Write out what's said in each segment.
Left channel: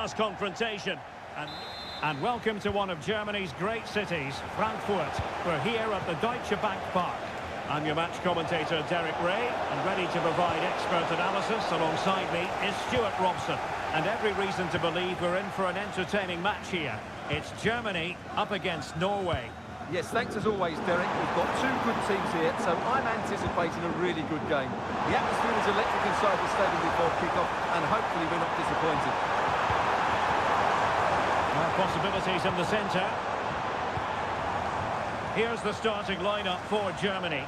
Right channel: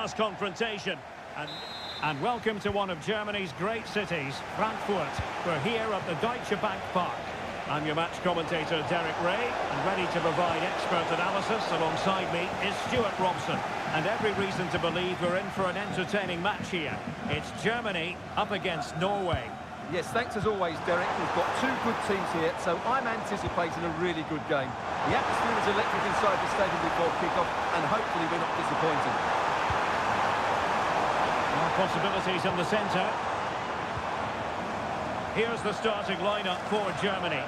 class confrontation. And welcome to one of Germany's great cities, Frankfurt. We're here at the Deutsche Bank Park. I'm your match commentator, Derek Ray, and ready to provide expert analysis alongside me is Stuart Robson. And every reason to believe we're in for an entertaining match here. It's Germany up against Norway. Yes, thanks as always, Derek. We've got two good teams here, so I'm anticipating a really good game. The atmosphere is electric inside the stadium before kick-off, and hopefully we're not disappointed. More possibilities in the centre. Here's the starting lineup for Germany.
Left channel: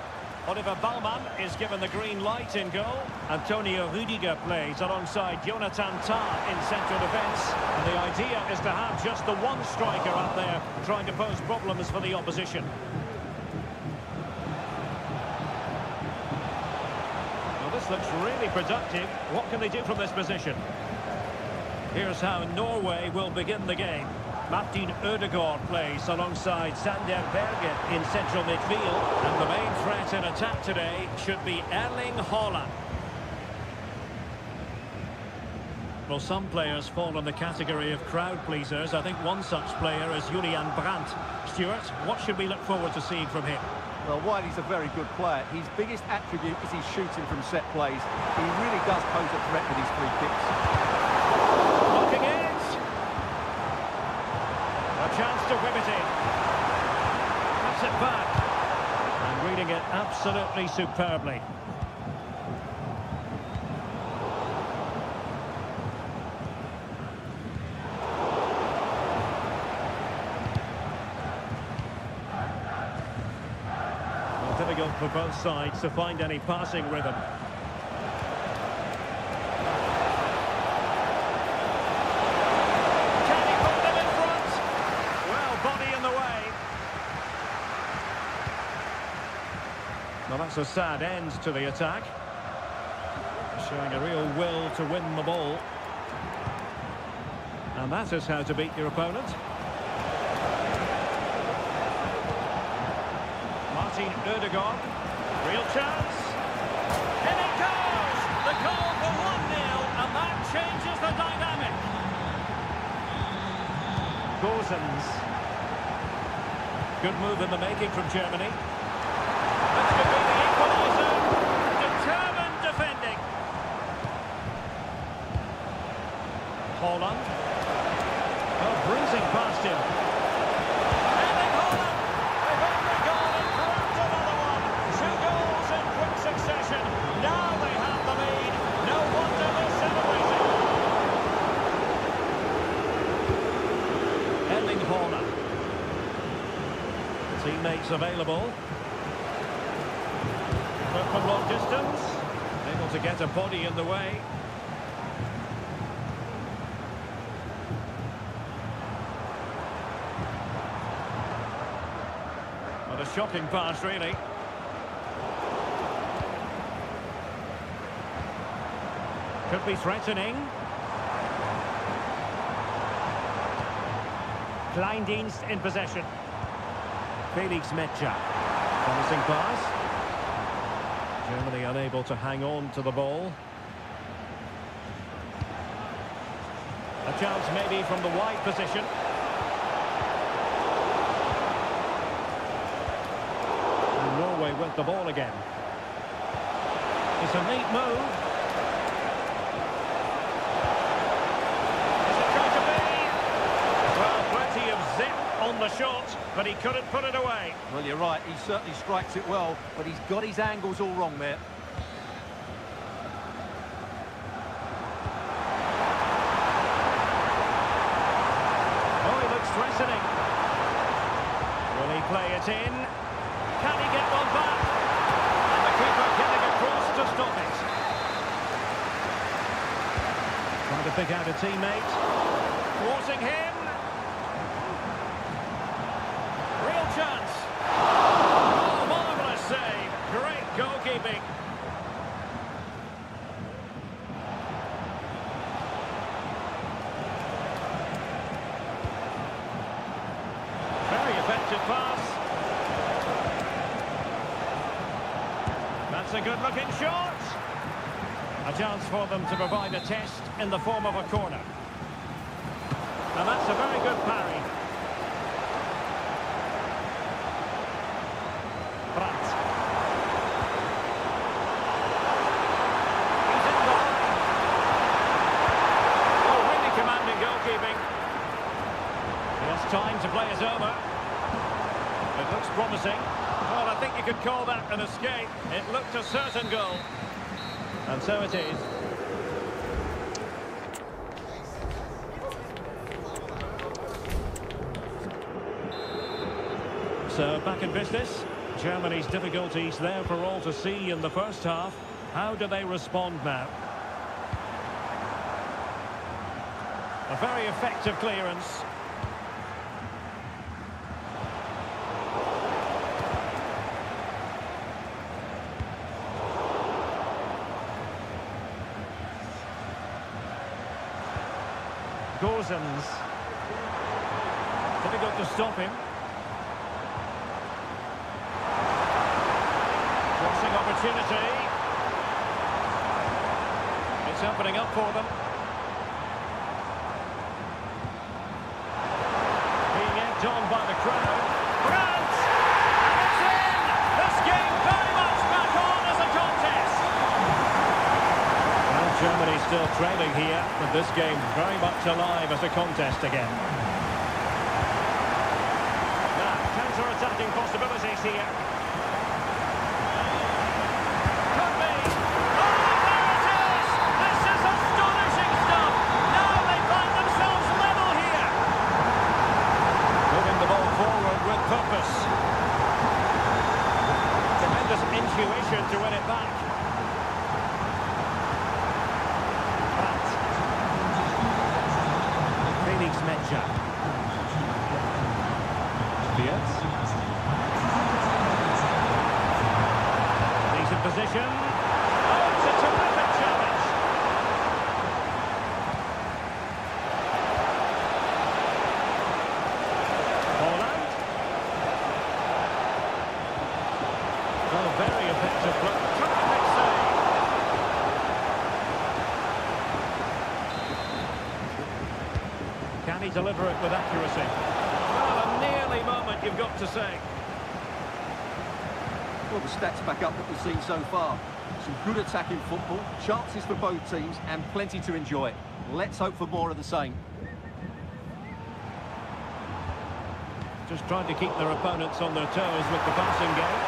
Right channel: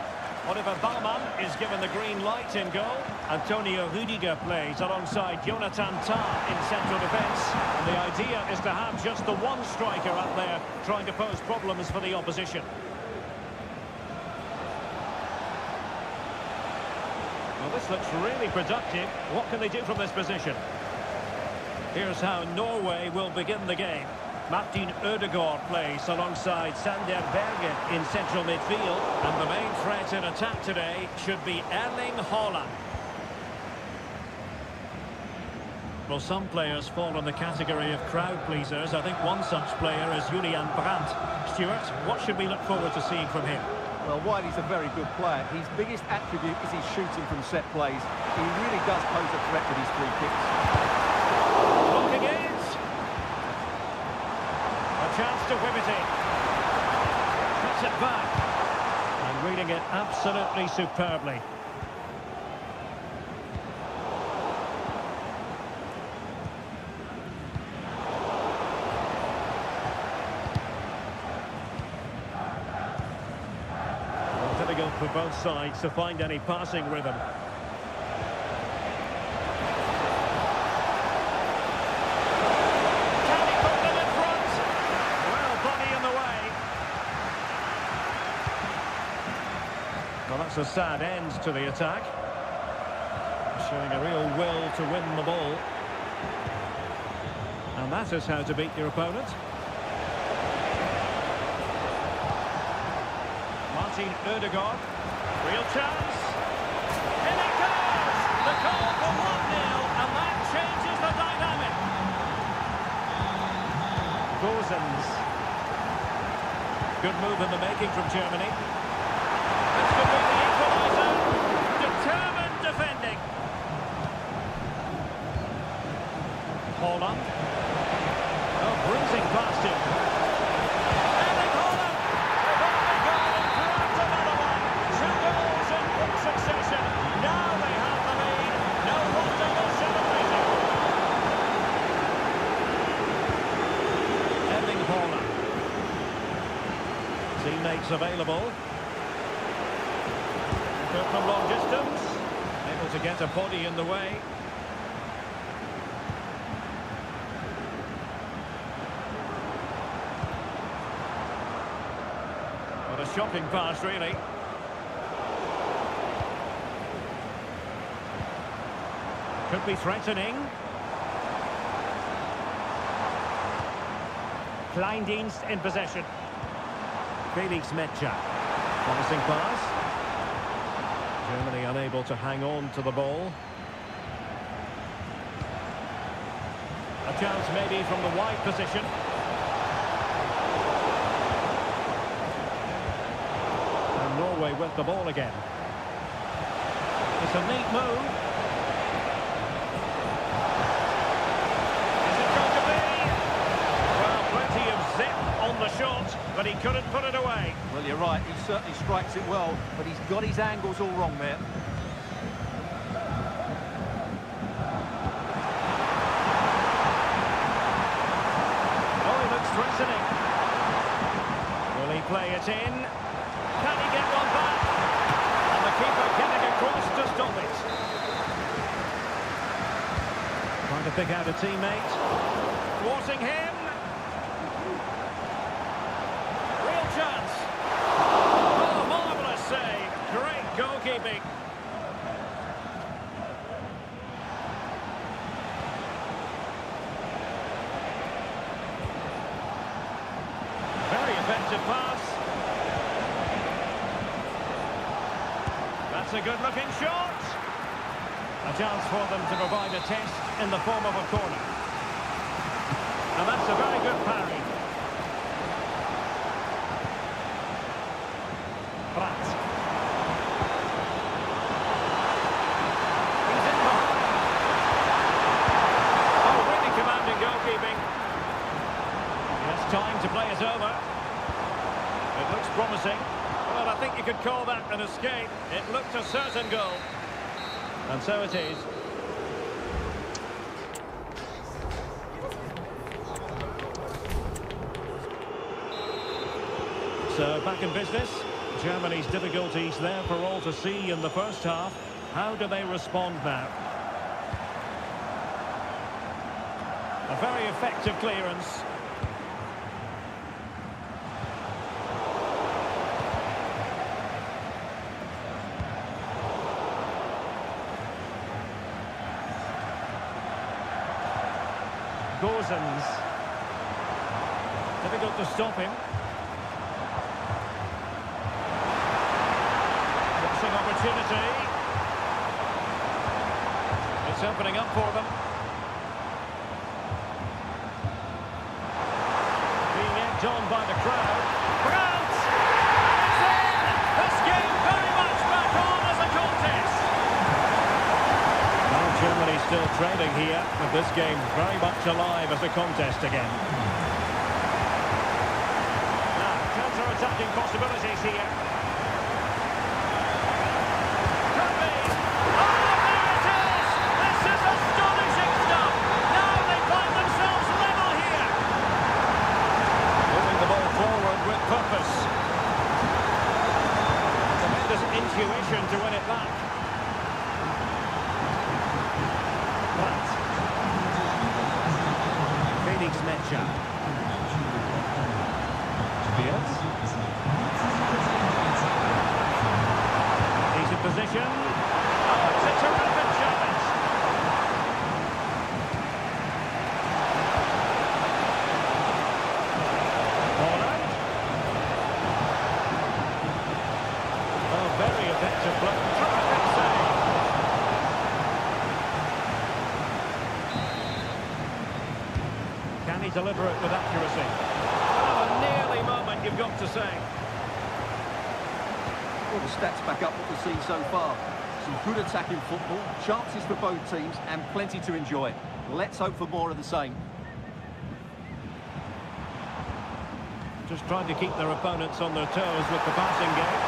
Oliver Baumann is given the green light in goal. Antonio Rüdiger plays alongside Jonathan Tah in central defence. And the idea is to have just the one striker up there trying to pose problems for the opposition. Well, this looks really productive. What can they do from this position? Here's how Norway will begin the game. Martin Ødegaard plays alongside Sander Berge in central midfield. And the main threat in attack today should be Erling Haaland. Well, some players fall in the category of crowd pleasers. I think one such player is Julian Brandt. Stuart, what should we look forward to seeing from him? Well, while he's a very good player, his biggest attribute is his shooting from set plays. He really does pose a threat with his free kicks. Blocking it. A chance to whip it in. Cuts it back. And reading it absolutely superbly. Well, difficult for both sides to find any passing rhythm. Well, that's a sad end to the attack. Showing a real will to win the ball. And that is how to beat your opponent. Martin Ødegaard. Real chance. In it goes! The goal for 1-0, and that changes the dynamic. Gosens. Good move in the making from Germany. This could be the equaliser. Determined defending. Haaland. Oh, bruising past him. Erling Haaland. They've only gone and grabbed another one. 2 goals in quick succession. Now they have the lead. No wonder they're celebrating. Erling Haaland. Teammates available. From long distance, able to get a body in the way. What a shocking pass, really. Could be threatening. Kleindienst in possession. Felix Metscher. Promising pass. Germany unable to hang on to the ball. A chance maybe from the wide position. And Norway with the ball again. It's a neat move. Is it going to be? Well, plenty of zip on the shot, but he couldn't put it away. Well, you're right, he certainly strikes it well, but he's got his angles all wrong there. Oh, he looks threatening. Will he play it in? Can he get one back? And the keeper getting across to stop it. Trying to pick out a teammate. Thwarting him. Real chance. Oh, marvellous save. Great goalkeeping. Very effective pass. That's a good-looking shot. A chance for them to provide a test in the form of a corner. And that's a very good parry. Brandt. He's in behind. Oh, really commanding goalkeeping. He has time to play it over. It looks promising. Well, I think you could call that an escape. It looked a certain goal. And so it is. So, back in business. Germany's difficulties there for all to see in the first half. How do they respond now? A very effective clearance. Gozens. Difficult to stop him. Crossing opportunity. It's opening up for them. Being egged on by the crowd. Brandt! And it's in! This game very much back on as a contest. Well, Germany's still trailing here, but this game very much alive as a contest again. Now, counter-attacking possibilities here. Could be. Oh, there it is! This is astonishing stuff! Now they find themselves level here. Moving the ball forward with purpose. Tremendous intuition to win it back. Brandt. Felix Metscher. Beers. Decent position. Oh, it's a terrific challenge. Holland. Oh, very effective block. Terrific save. Can he deliver it with accuracy? Well, a nearly moment, you've got to say. Well, the stats back up what we've seen so far. Some good attacking football, chances for both teams, and plenty to enjoy. Let's hope for more of the same. Just trying to keep their opponents on their toes with the passing game.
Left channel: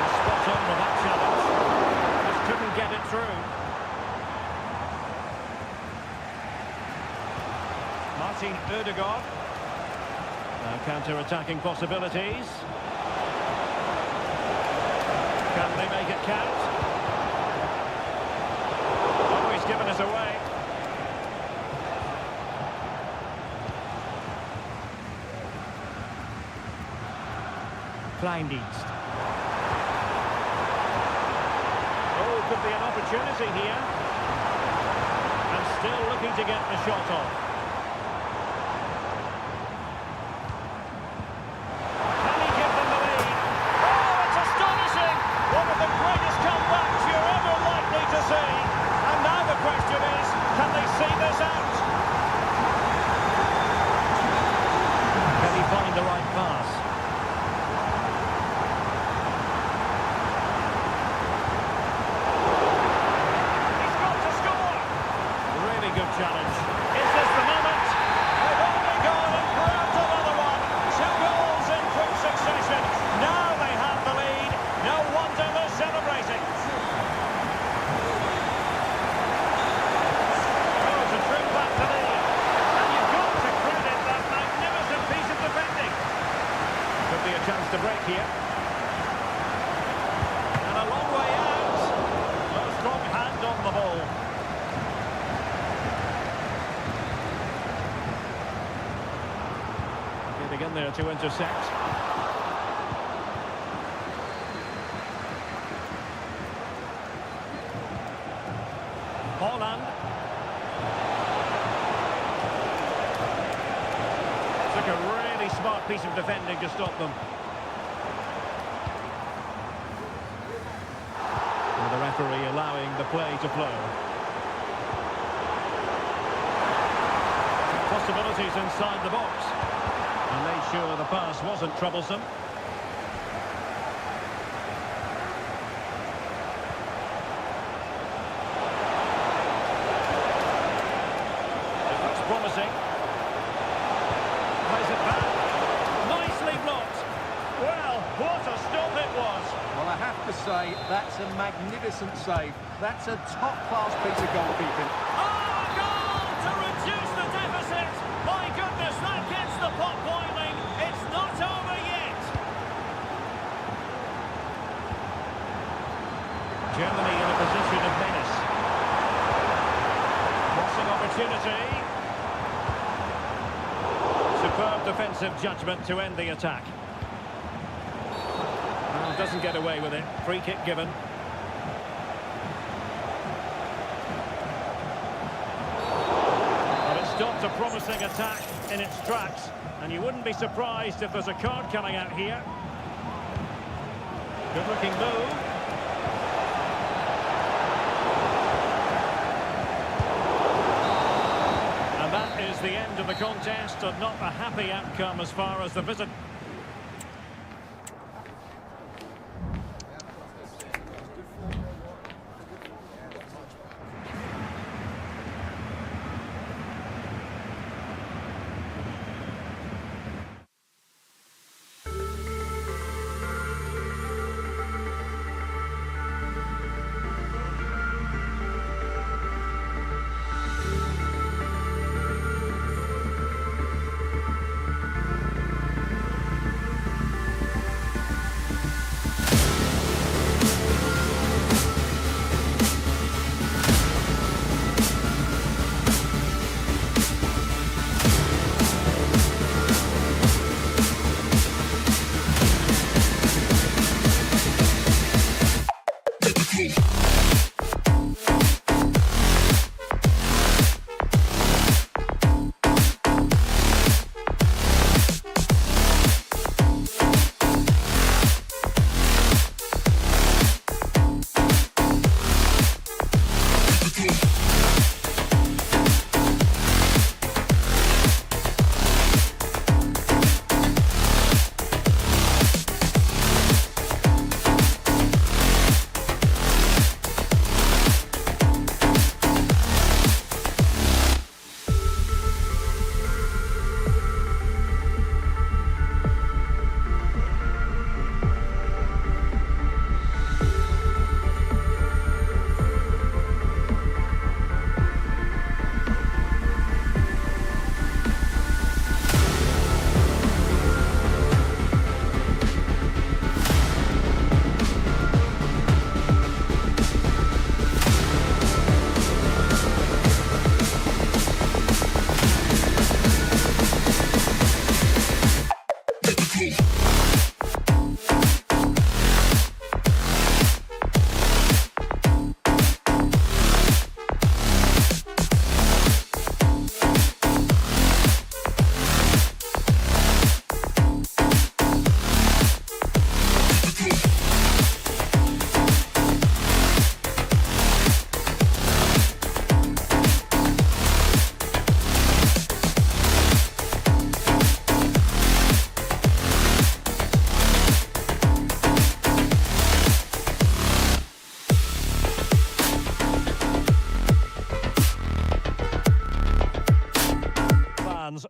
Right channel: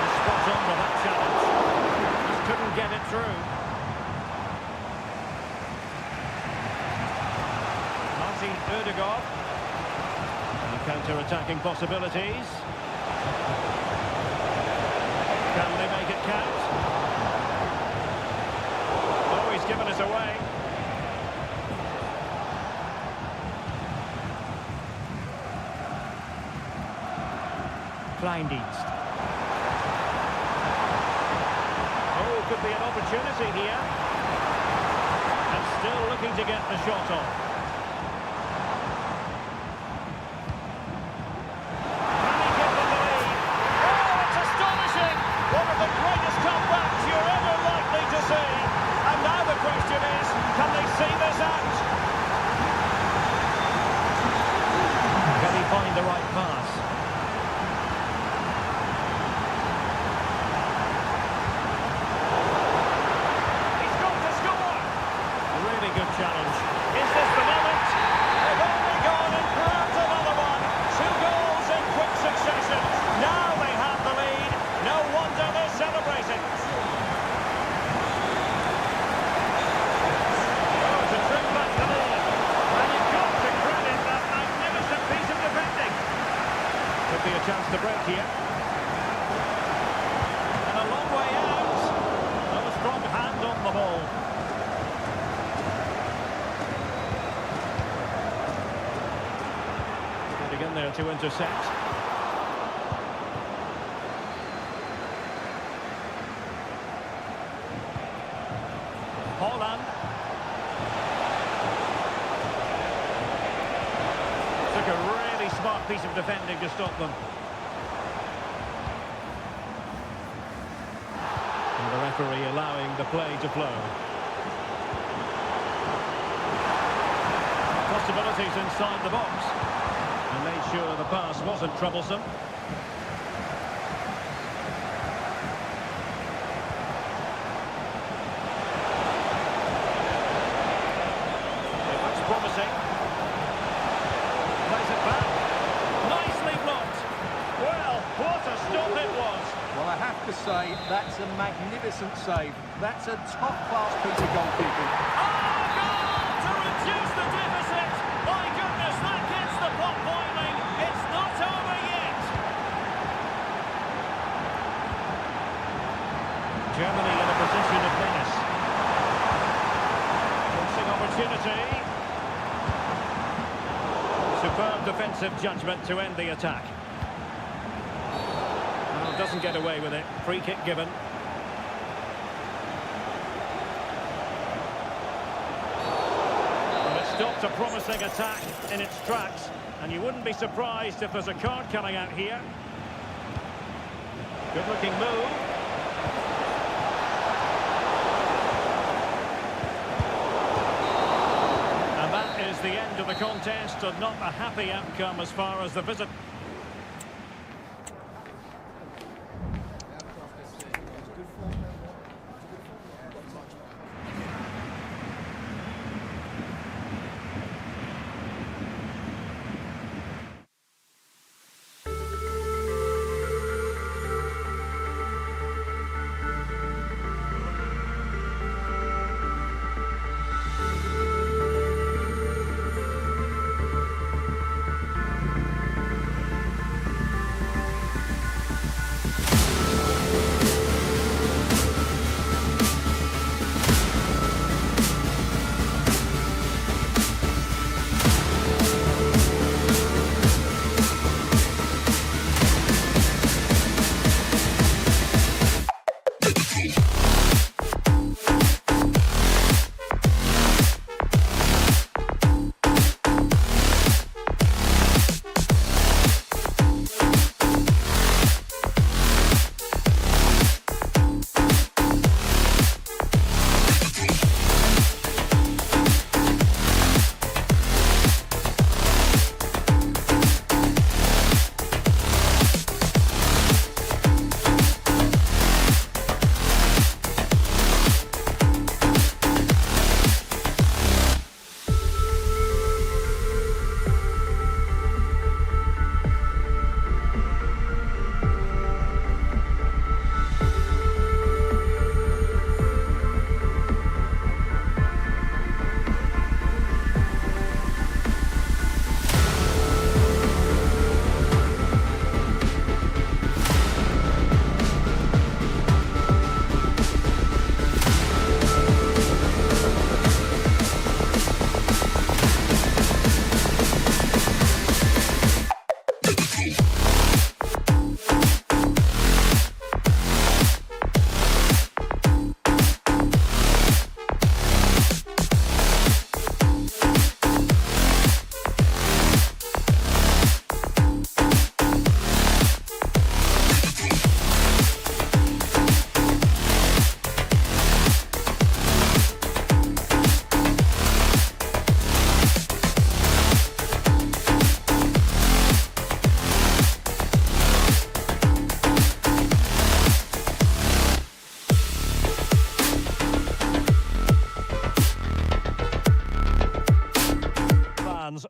And spot on with that challenge. Just couldn't get it through. Martin Ødegaard. Now counter-attacking possibilities. Can they make it count? Oh, he's given us away. Kleindienst. Oh, could be an opportunity here. And still looking to get the shot off. Can he give them the lead? Oh, it's astonishing! One of the greatest comebacks you're ever likely to see. And now the question is, can they see this out? Can he find the right pass? He's got to score! Really good challenge. Is this the moment? They've only gone and grabbed another one. 2 goals in quick succession. Now they have the lead. No wonder they're celebrating. Oh, to trim back the lead. And you've got to credit that magnificent piece of defending. Could be a chance to break here. And a long way out. Oh, a strong hand on the ball. Getting in there to intercept. Holland. Took a really smart piece of defending to stop them. And the referee allowing the play to flow. possibilities inside the box. And made sure the pass wasn't troublesome. It looks promising. Plays it back. Nicely blocked. Well, what a stop it was. Well, I have to say, that's a magnificent save. That's a top-class piece of goalkeeping. Oh, goal to reduce the deficit. My goodness, that gets the pot boiling. It's not over yet. Germany in a position of menace. Crossing opportunity. Superb defensive judgment to end the attack. Well, doesn't get away with it. Free kick given. Well, it stopped a promising attack in its tracks, and you wouldn't be surprised if there's a card coming out here. Good-looking move. And that is the end of the contest, and not a happy outcome as far as the visit.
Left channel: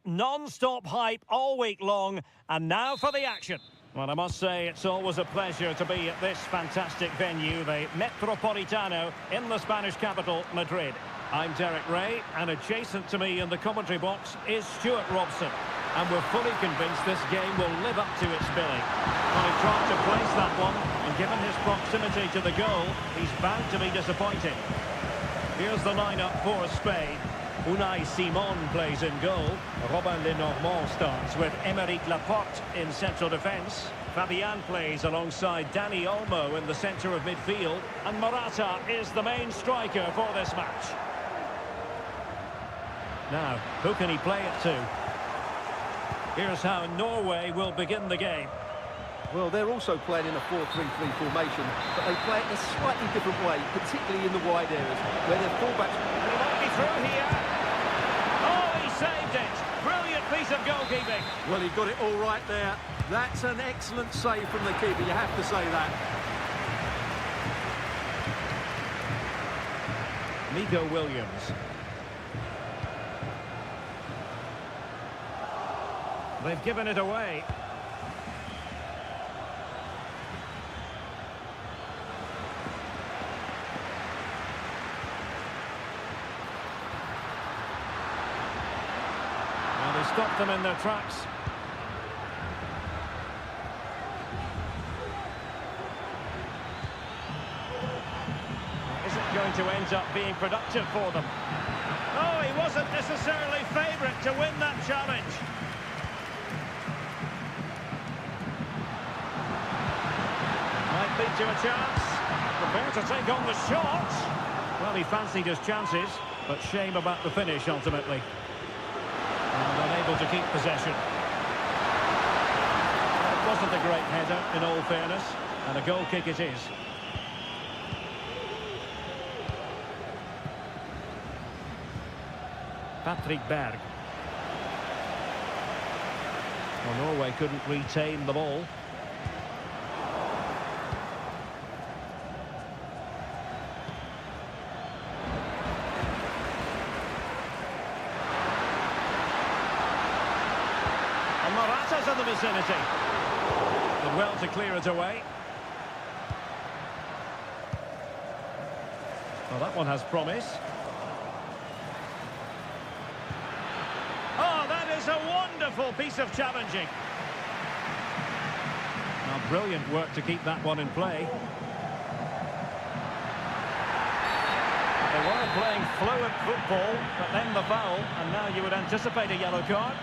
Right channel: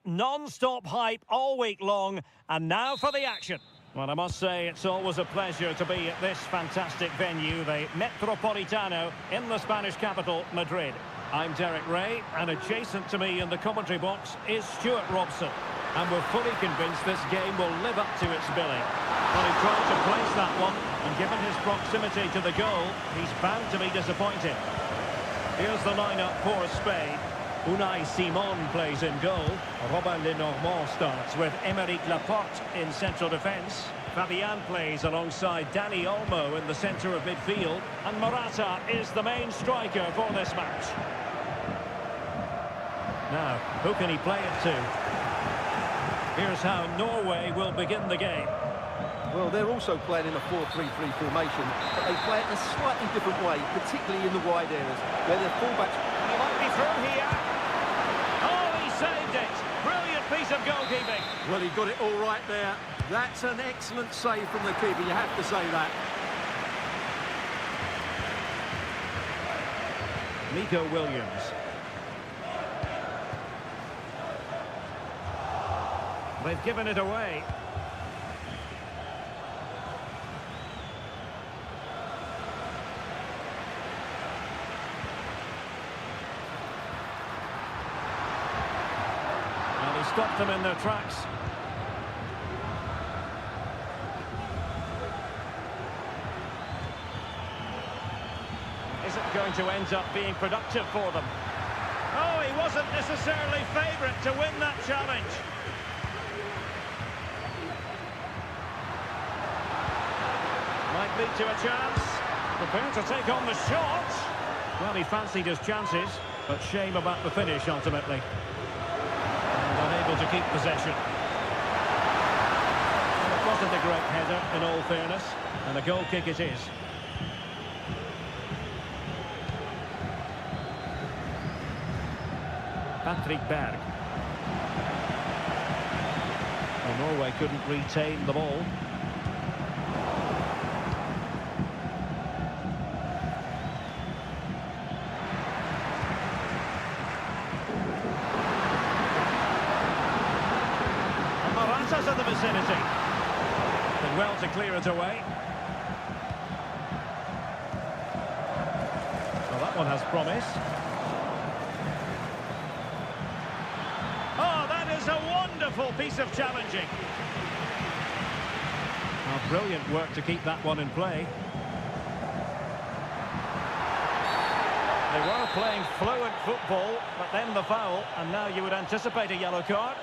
Non-stop hype all week long, and now for the action. Well, I must say it's always a pleasure to be at this fantastic venue, the Metropolitano, in the Spanish capital, Madrid. I'm Derek Ray, and adjacent to me in the commentary box is Stuart Robson. And we're fully convinced this game will live up to its billing. Well, he tried to place that one, and given his proximity to the goal, he's bound to be disappointed. Here's the lineup for Spain. Unai Simon plays in goal. Robin Lenormand starts with Aymeric Laporte in central defence. Fabian plays alongside Dani Olmo in the centre of midfield. And Morata is the main striker for this match. Now, who can he play it to? Here's how Norway will begin the game. Well, they're also playing in a 4-3-3 formation, but they play it in a slightly different way, particularly in the wide areas, where their fullbacks... And he might be through here. Oh, he saved it. Well, he got it all right there. That's an excellent save from the keeper, you have to say that. Nico Williams. They've given it away. Well, they stopped them in their tracks. Is it going to end up being productive for them? Oh, he wasn't necessarily favourite to win that challenge. Might lead to a chance. Prepared to take on the shot. Well, he fancied his chances, but shame about the finish ultimately. And unable to keep possession. Well, it wasn't a great header, in all fairness, and a goal kick it is. Patrick Berg. Well, Norway couldn't retain the ball. And Morata's in the vicinity. Did well to clear it away. Well, that one has promise. Oh, that is a wonderful piece of challenging. Now, brilliant work to keep that one in play. They were playing fluent football, but then the foul, and now you would anticipate a yellow card.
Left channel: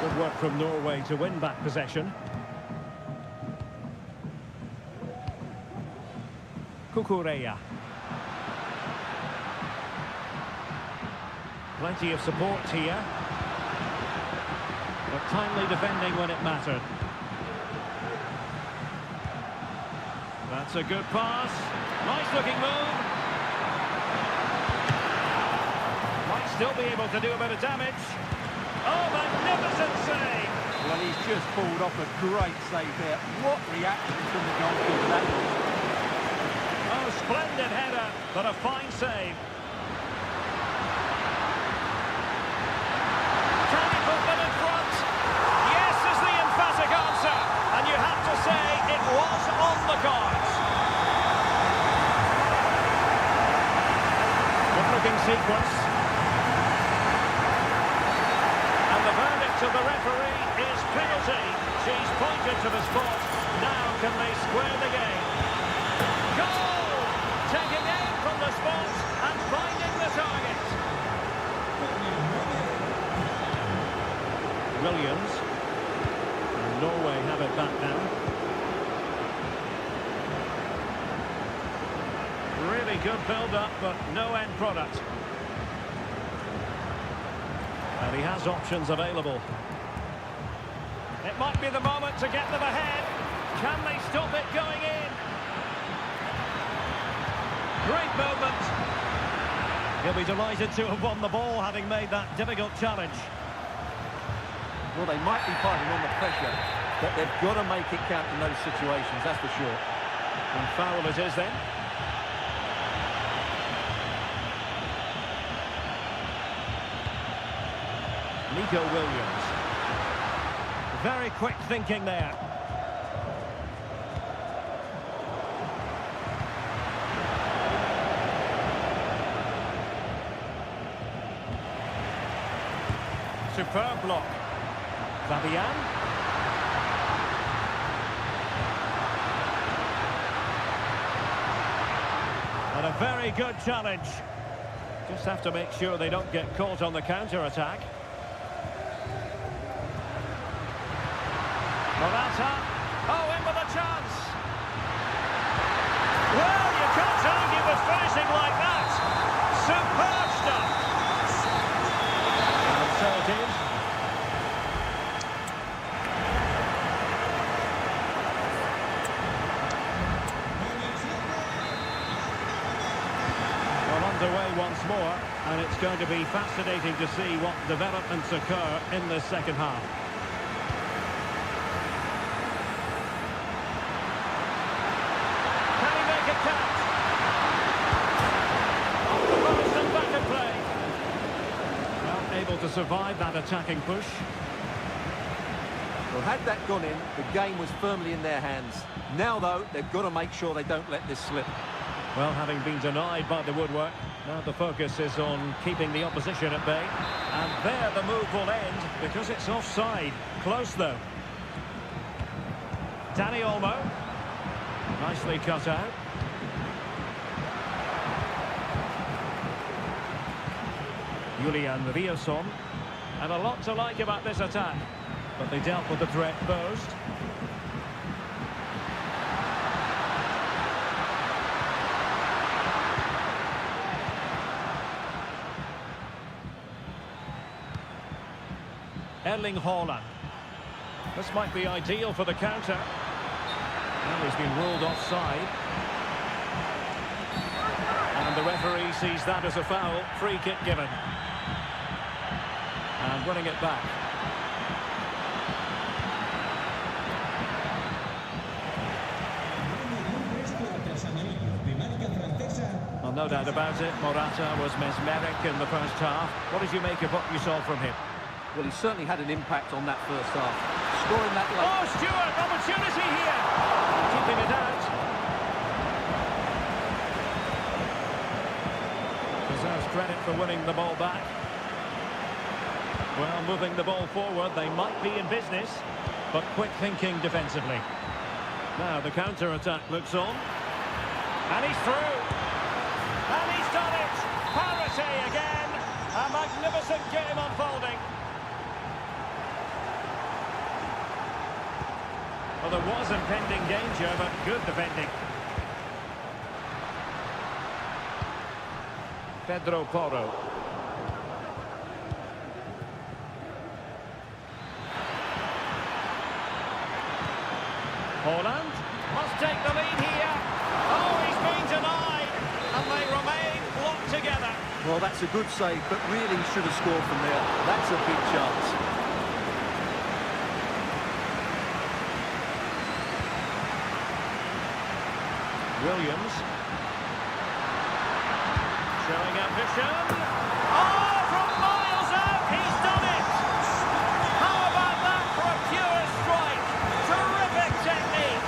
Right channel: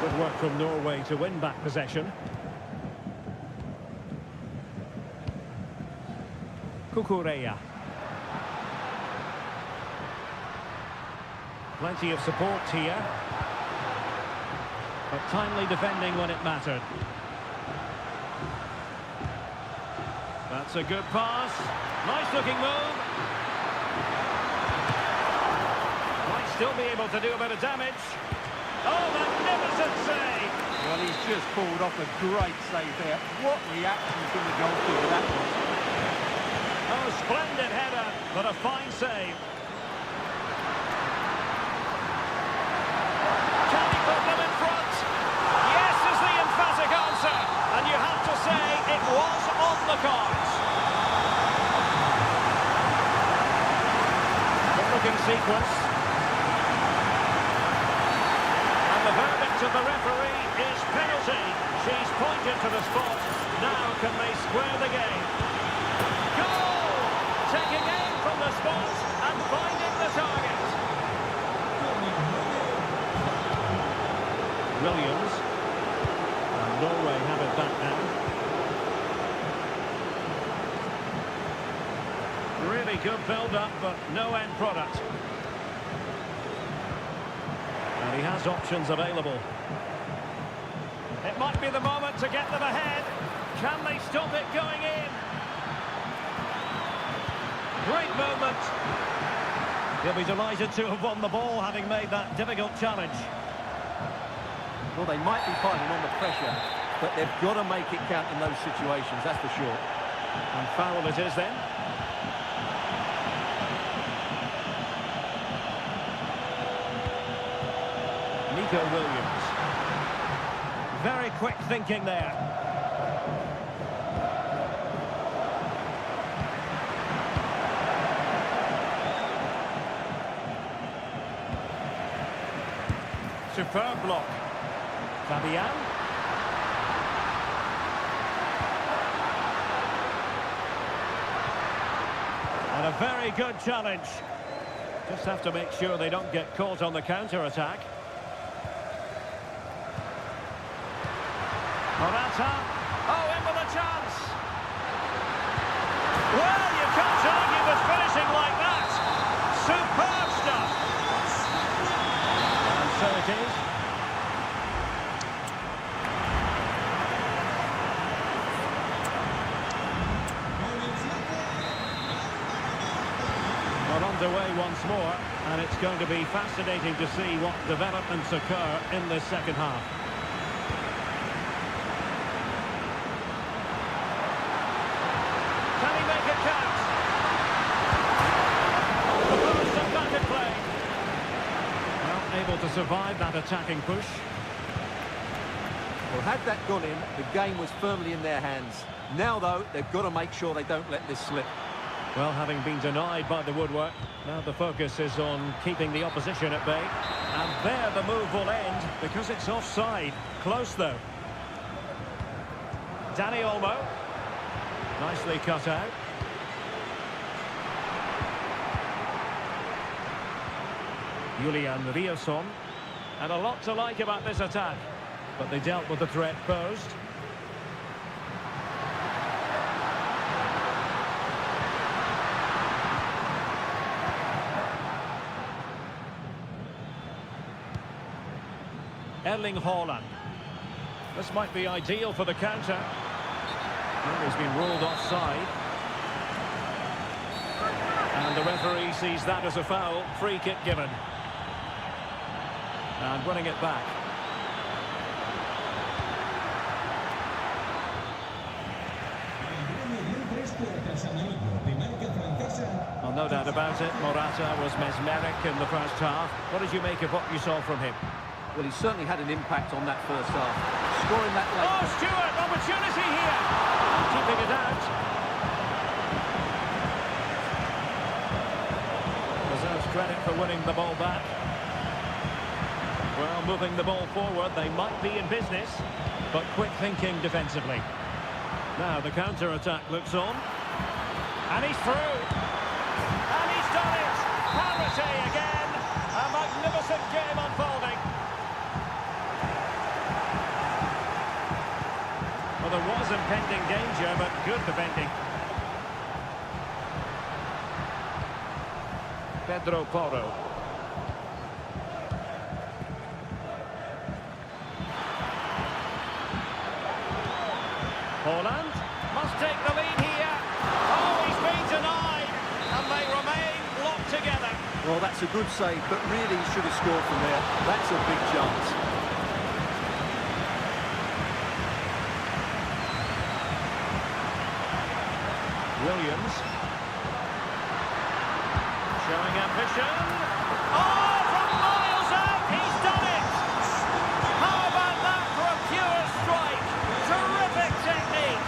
Good work from Norway to win back possession. Kukureya. Plenty of support here. But timely defending when it mattered. That's a good pass. Nice looking move. Might still be able to do a bit of damage. Oh, magnificent save! Well, he's just pulled off a great save there. What reaction from the goalkeeper that was. Oh, splendid header, but a fine save. Can he put them in front? Yes is the emphatic answer. And you have to say it was on the cards. Good-looking sequence. And the verdict of the referee is penalty. She's pointed to the spot. Now can they square the game? Goal! Taking aim from the spot and finding the target. Williams. And Norway have it back now. Really good build-up, but no end product. And he has options available. It might be the moment to get them ahead. Can they stop it going in? Great movement. He'll be delighted to have won the ball, having made that difficult challenge. Well, they might be fighting on the pressure, but they've got to make it count in those situations, that's for sure. And foul it is then. Nico Williams. Very quick thinking there. Superb block. Fabian. And a very good challenge. Just have to make sure they don't get caught on the counter-attack. Morata. Oh, in with a chance. Well, you can't argue with finishing like that. Superb stuff. And so it is. Well, underway once more, and it's going to be fascinating to see what developments occur in this second half. Can he make it count? Off the post and back at play. Well, able to survive that attacking push. Well, had that gone in, the game was firmly in their hands. Now, though, they've got to make sure they don't let this slip. Well, having been denied by the woodwork, now the focus is on keeping the opposition at bay. And there the move will end because it's offside. Close, though. Danny Olmo. Nicely cut out. Julian Riosson. And a lot to like about this attack. But they dealt with the threat posed. Erling Haaland. This might be ideal for the counter. Well, he's been ruled offside. And the referee sees that as a foul. Free kick given. And winning it back. Well, no doubt about it, Morata was mesmeric in the first half. What did you make of what you saw from him? Well, he certainly had an impact on that first half. Scoring that late... Oh, Stewart, opportunity here! And keeping it out. Deserves credit for winning the ball back. Well, moving the ball forward, they might be in business, but quick thinking defensively. Now the counter-attack looks on. And he's through. And he's done it. Parity again. A magnificent game unfolding. Well, there was impending danger, but good defending. Pedro Porro. Haaland must take the lead here. Oh, he's been denied, and they remain locked together. Well, that's a good save, but really he should have scored from there. That's a big chance. Williams. Showing ambition. Oh, from miles out, he's done it! How about that for a pure strike? Terrific technique.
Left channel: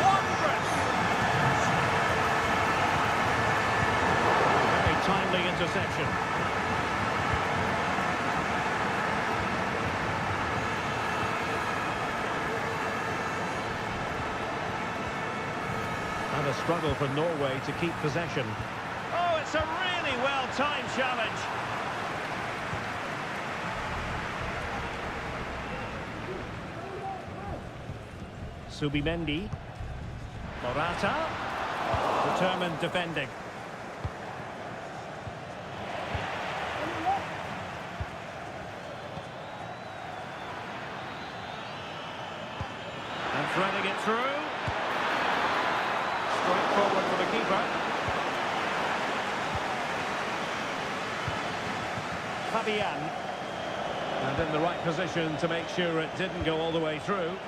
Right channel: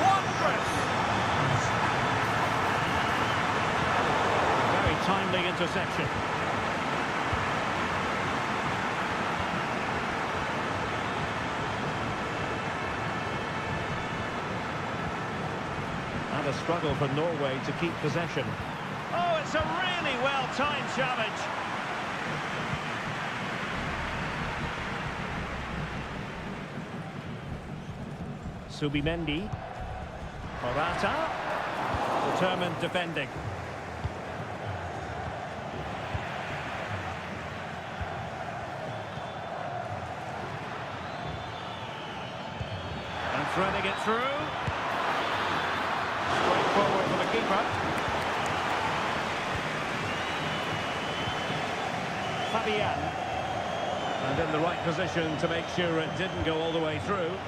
Wondrous. Very timely interception. And a struggle for Norway to keep possession. Oh, it's a really well-timed challenge. Subimendi. Morata. Determined defending. And threading it through. Straight forward for the keeper. Fabian. And in the right position to make sure it didn't go all the way through.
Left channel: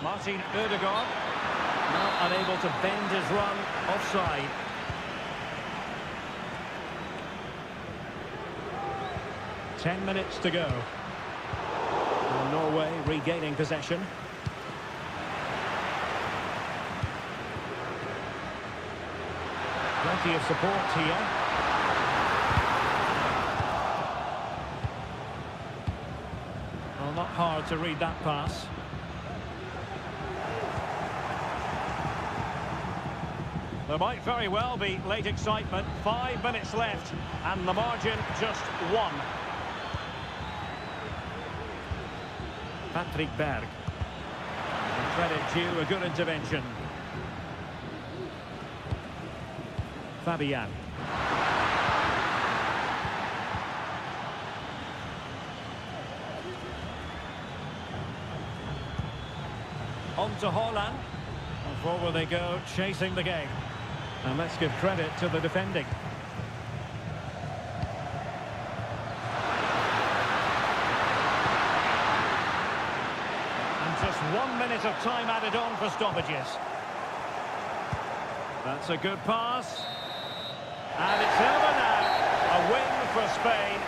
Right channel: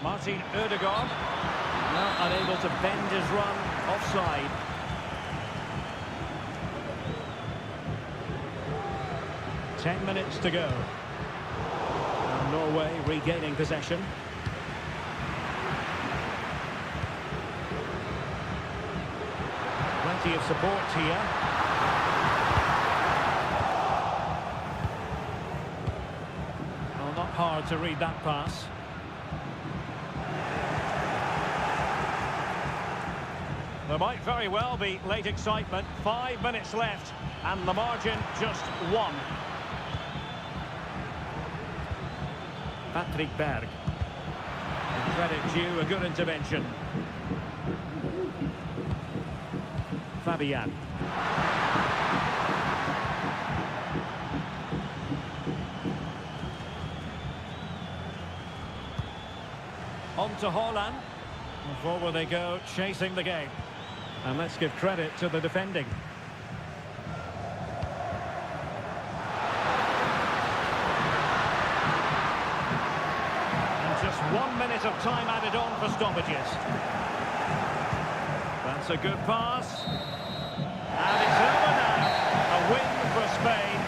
Martin Ødegaard. Now unable to bend his run offside. Ten minutes to go. And Norway regaining possession. Plenty of support here. Well, not hard to read that pass. There might very well be late excitement. 5 minutes left, and the margin just 1. Patrick Berg. And credit due, a good intervention. Fabian. On to Haaland. And forward they go, chasing the game. And let's give credit to the defending. And just 1 minute of time added on for stoppages. That's a good pass. And it's over now. A win for Spain.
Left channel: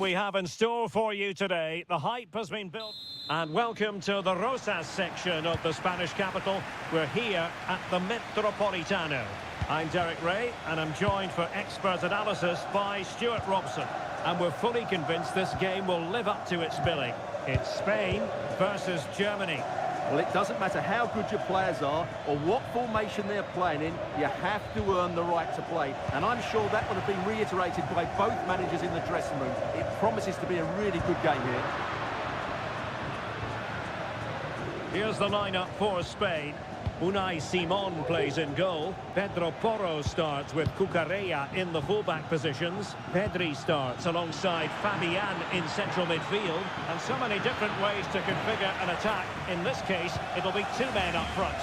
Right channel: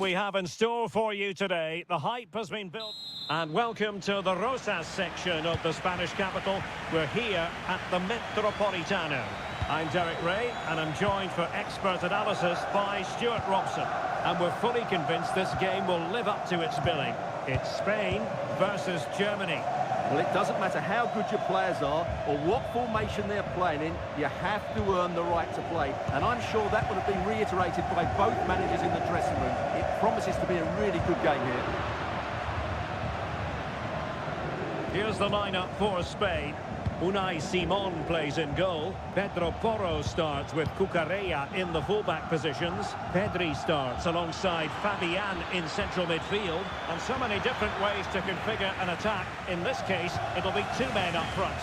We have in store for you today. The hype has been built. And welcome to the Rosas section of the Spanish capital. We're here at the Metropolitano. I'm Derek Ray, and I'm joined for expert analysis by Stuart Robson. And we're fully convinced this game will live up to its billing. It's Spain versus Germany. Well, it doesn't matter how good your players are or what formation they're playing in, you have to earn the right to play. And I'm sure that would have been reiterated by both managers in the dressing room. It promises to be a really good game here. Here's the lineup for Spain. Unai Simon plays in goal. Pedro Porro starts with Cucurella in the fullback positions. Pedri starts alongside Fabian in central midfield. And so many different ways to configure an attack. In this case, it'll be two men up front.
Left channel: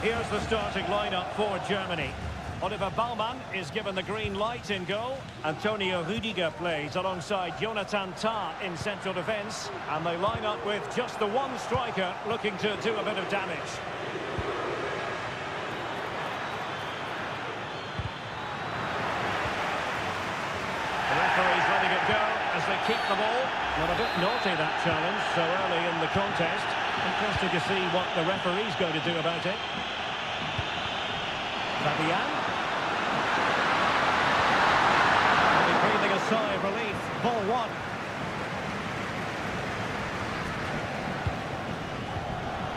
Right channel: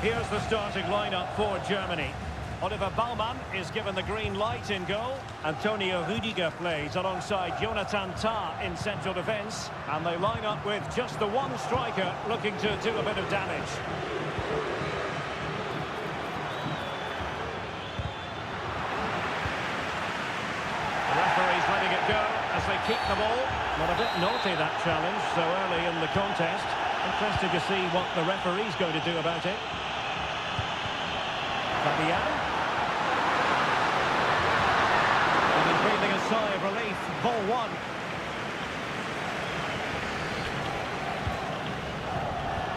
Here's the starting lineup for Germany. Oliver Baumann is given the green light in goal. Antonio Rüdiger plays alongside Jonathan Tah in central defence. And they line up with just the one striker looking to do a bit of damage. The referee's letting it go as they keep the ball. Not a bit naughty, that challenge, so early in the contest. Interested to see what the referee's going to do about it. Fabian. Breathing a sigh of relief. Ball one.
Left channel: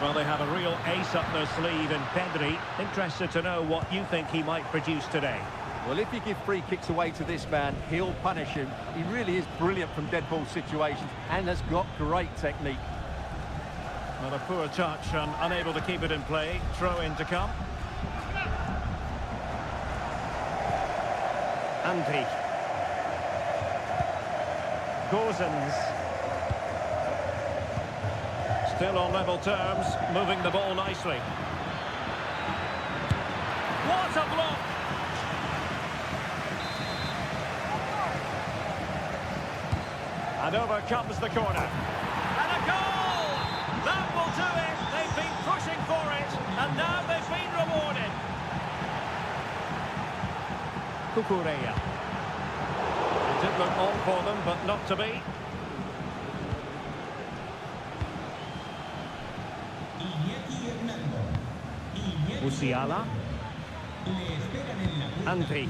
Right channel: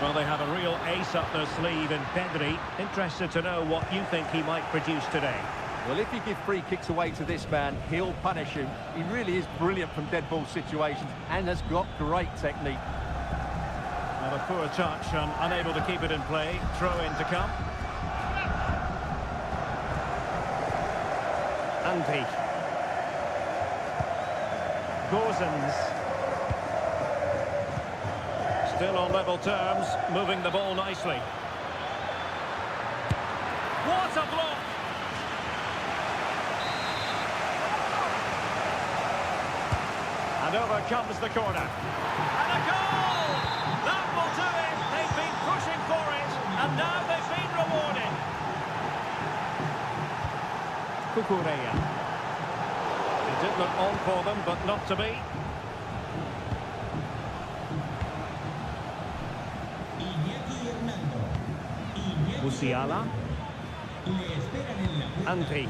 Well, they have a real ace up their sleeve in Pedri. Interested to know what you think he might produce today. Well, if you give free kicks away to this man, he'll punish him. He really is brilliant from dead ball situations and has got great technique. Well, a poor touch and unable to keep it in play. Throw in to come. Andri. Gozens. Still on level terms, moving the ball nicely. What a block! And over comes the corner. And a goal! That will do it! They've been pushing for it, and now they've been rewarded. Kukureya. It did look on for them, but not to be. Musiala. Andri.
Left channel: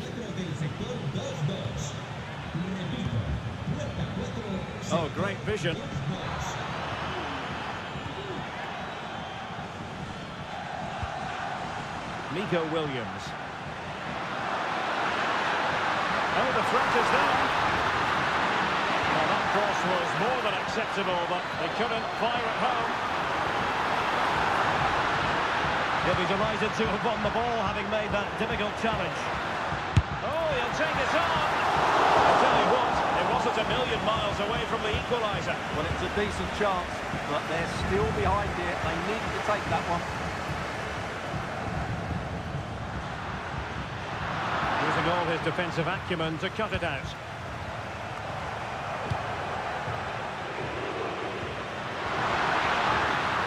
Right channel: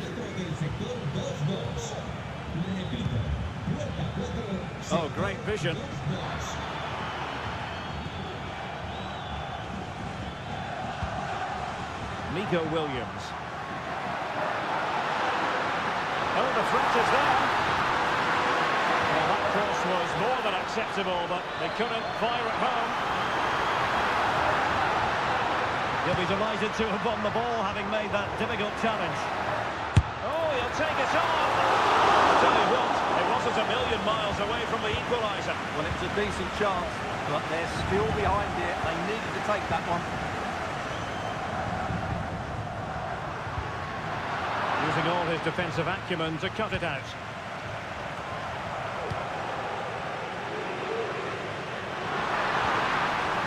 Oh, great vision. Nico Williams. Oh, the threat is there. Well, that cross was more than acceptable, but they couldn't fire it home. He'll be delighted to have won the ball, having made that difficult challenge. Oh, he'll take it on. I'll tell you what, it wasn't a million miles away from the equaliser. Well, it was a decent chance, but they're still behind it. They needed to take that one. Using all his defensive acumen to cut it out.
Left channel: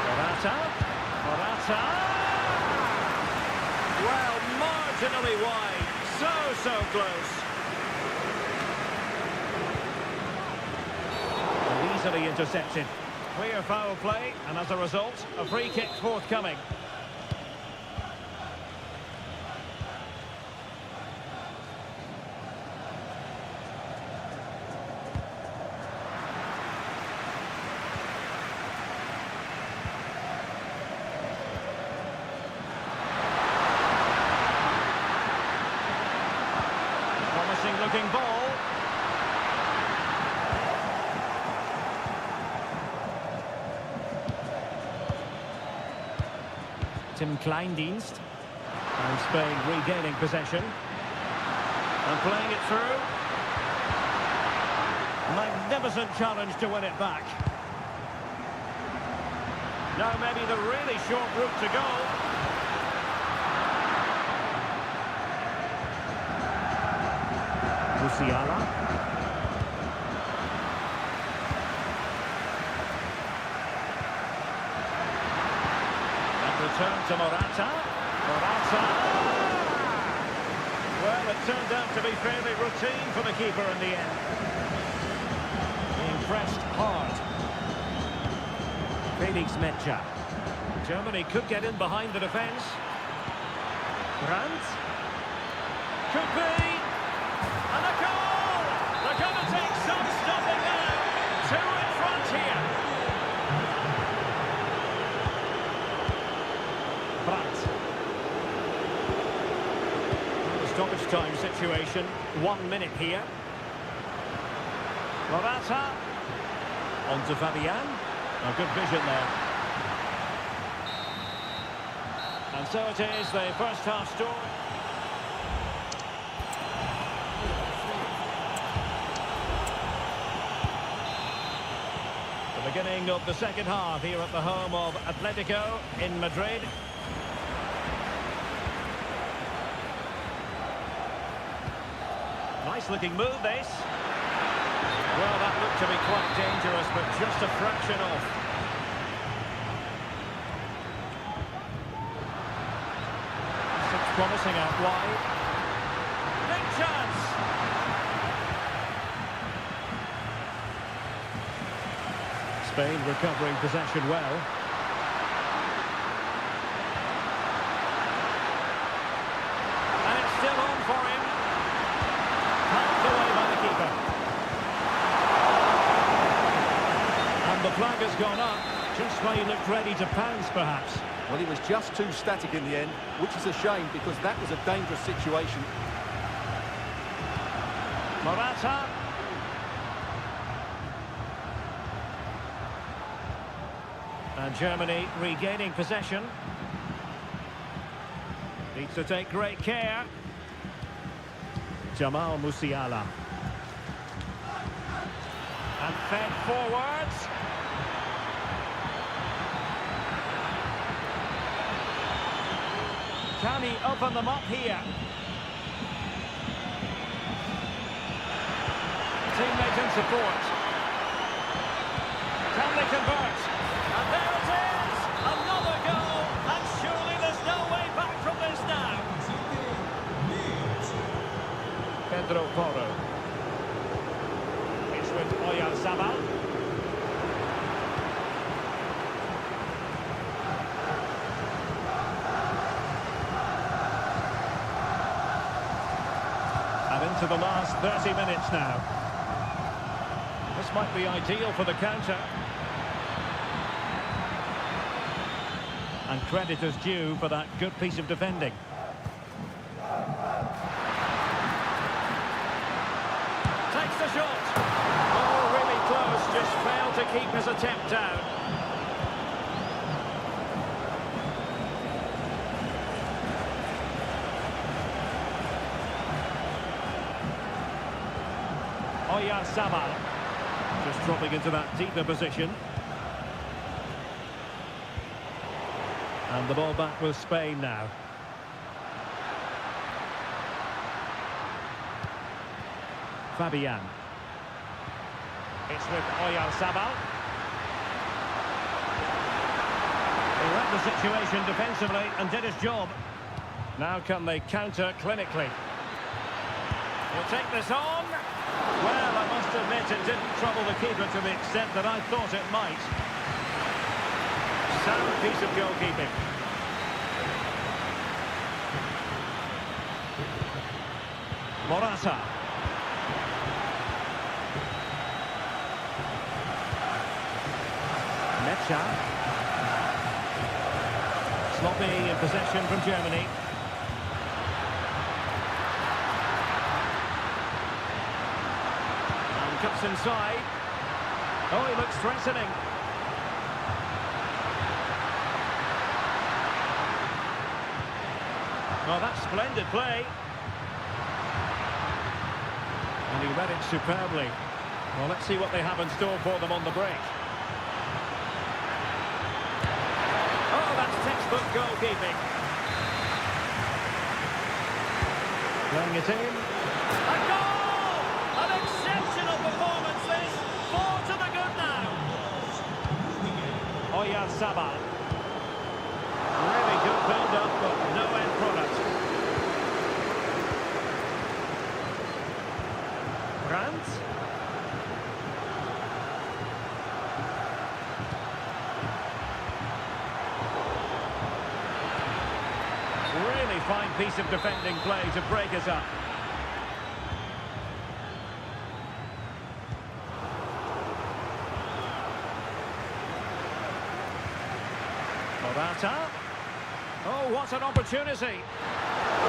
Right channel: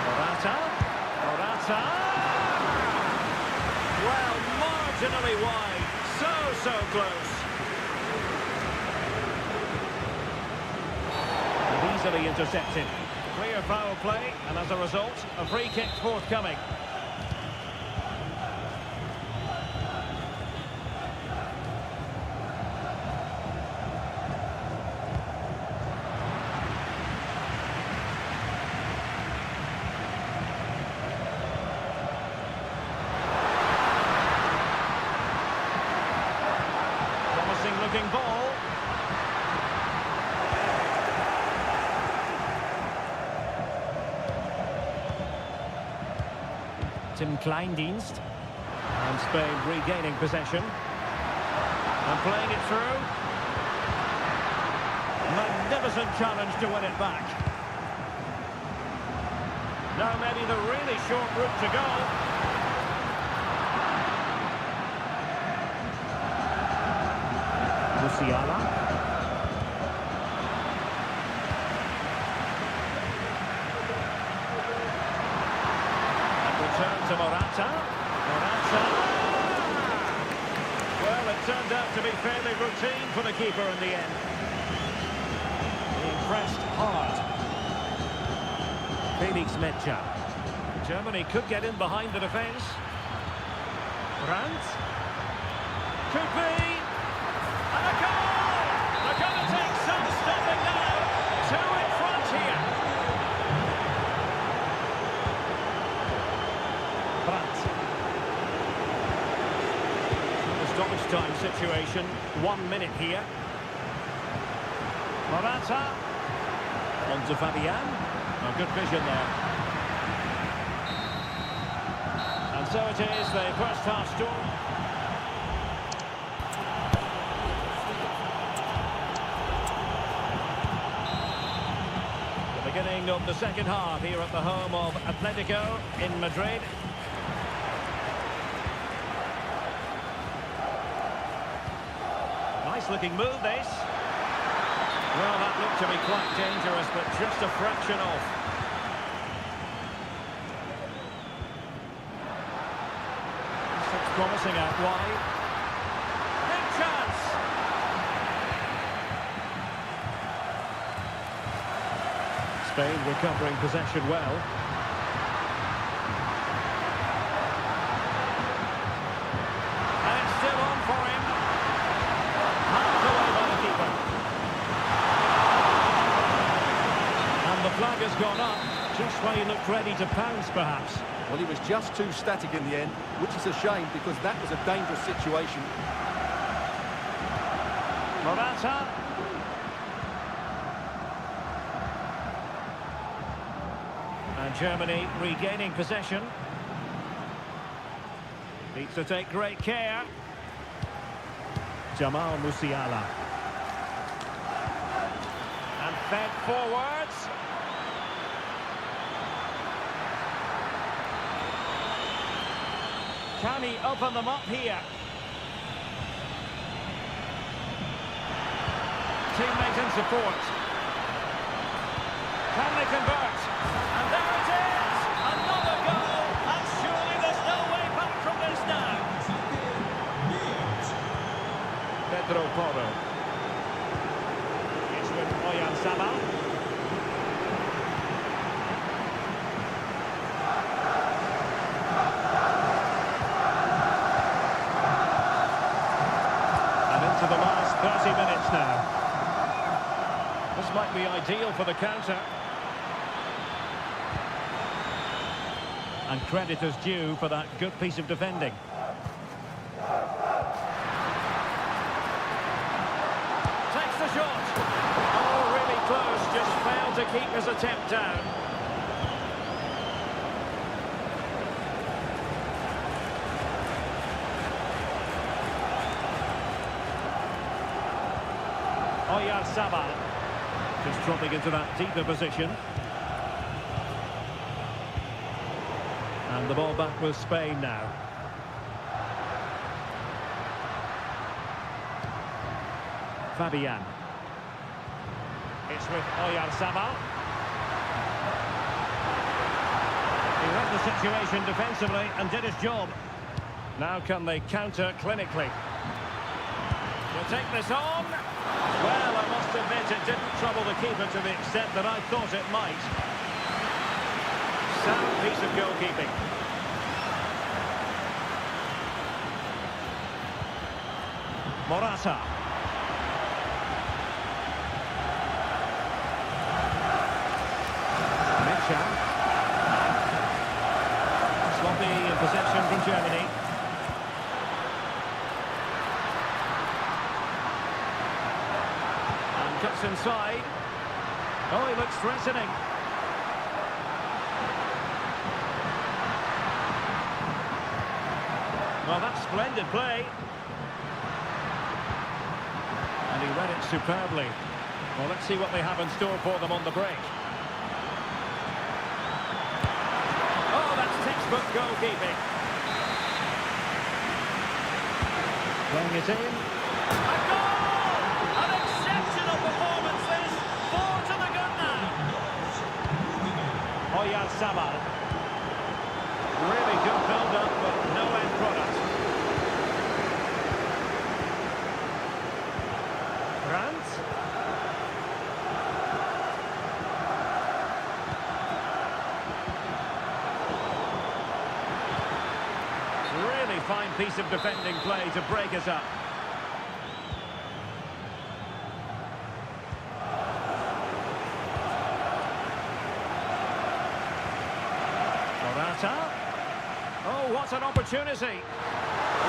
Morata. Well, marginally wide. So close. And easily intercepted. Clear foul play, and as a result, a free kick forthcoming. Promising looking ball. Tim Kleindienst. And Spain regaining possession. And playing it through. Magnificent challenge to win it back. Now maybe the really short route to goal. Musiala. And return to Morata. Well, it turned out to be fairly routine for the keeper in the end. Being pressed hard. Felix Mecha. Germany could get in behind the defence. Brandt. Could be. And a goal! They're going to take some stopping now. Two in front here. Brandt. Well, the stoppage time situation. 1 minute here. Morata. On to Fabian. A good vision there. And so it is, the first half story. The beginning of the second half here at the home of Atletico in Madrid. Nice looking move, this. Well, that looked to be quite dangerous, but just a fraction off. This looks promising out wide. Big chance! Spain recovering possession well. And it's still on for him. Half away by the keeper. And the flag has gone up, just when he looked ready to pounce, perhaps. Well, he was just too static in the end, which is a shame because that was a dangerous situation. Morata. And Germany regaining possession. Needs to take great care. Jamal Musiala. And fed forwards. Can he open them up here? Teammate in support. Can they convert? And there it is! Another goal! And surely there's no way back from this now. Pedro Porro. It's with Oyarzabal. And into the last 30 minutes now. This might be ideal for the counter. And credit is due for that good piece of defending. Takes the shot. Oh, really close. Just failed to keep his attempt down. Oyarzabal. Just dropping into that deeper position. And the ball back with Spain now. Fabian. It's with Oyarzabal. He read the situation defensively and did his job. Now can they counter clinically? He'll take this on. Well, I must admit it didn't trouble the keeper to the extent that I thought it might. Sound piece of goalkeeping. Morata. Mecha. Sloppy in possession from Germany. And cuts inside. Oh, he looks threatening. Well, that's splendid play. And he read it superbly. Well, let's see what they have in store for them on the break. Oh, that's textbook goalkeeping. Playing it in. A goal! An exceptional performance this. 4 to the good now. Oyarzabal. Really good build-up, but no end product. Brandt. Really fine piece of defending play to break us up. Morata. Oh, what an opportunity.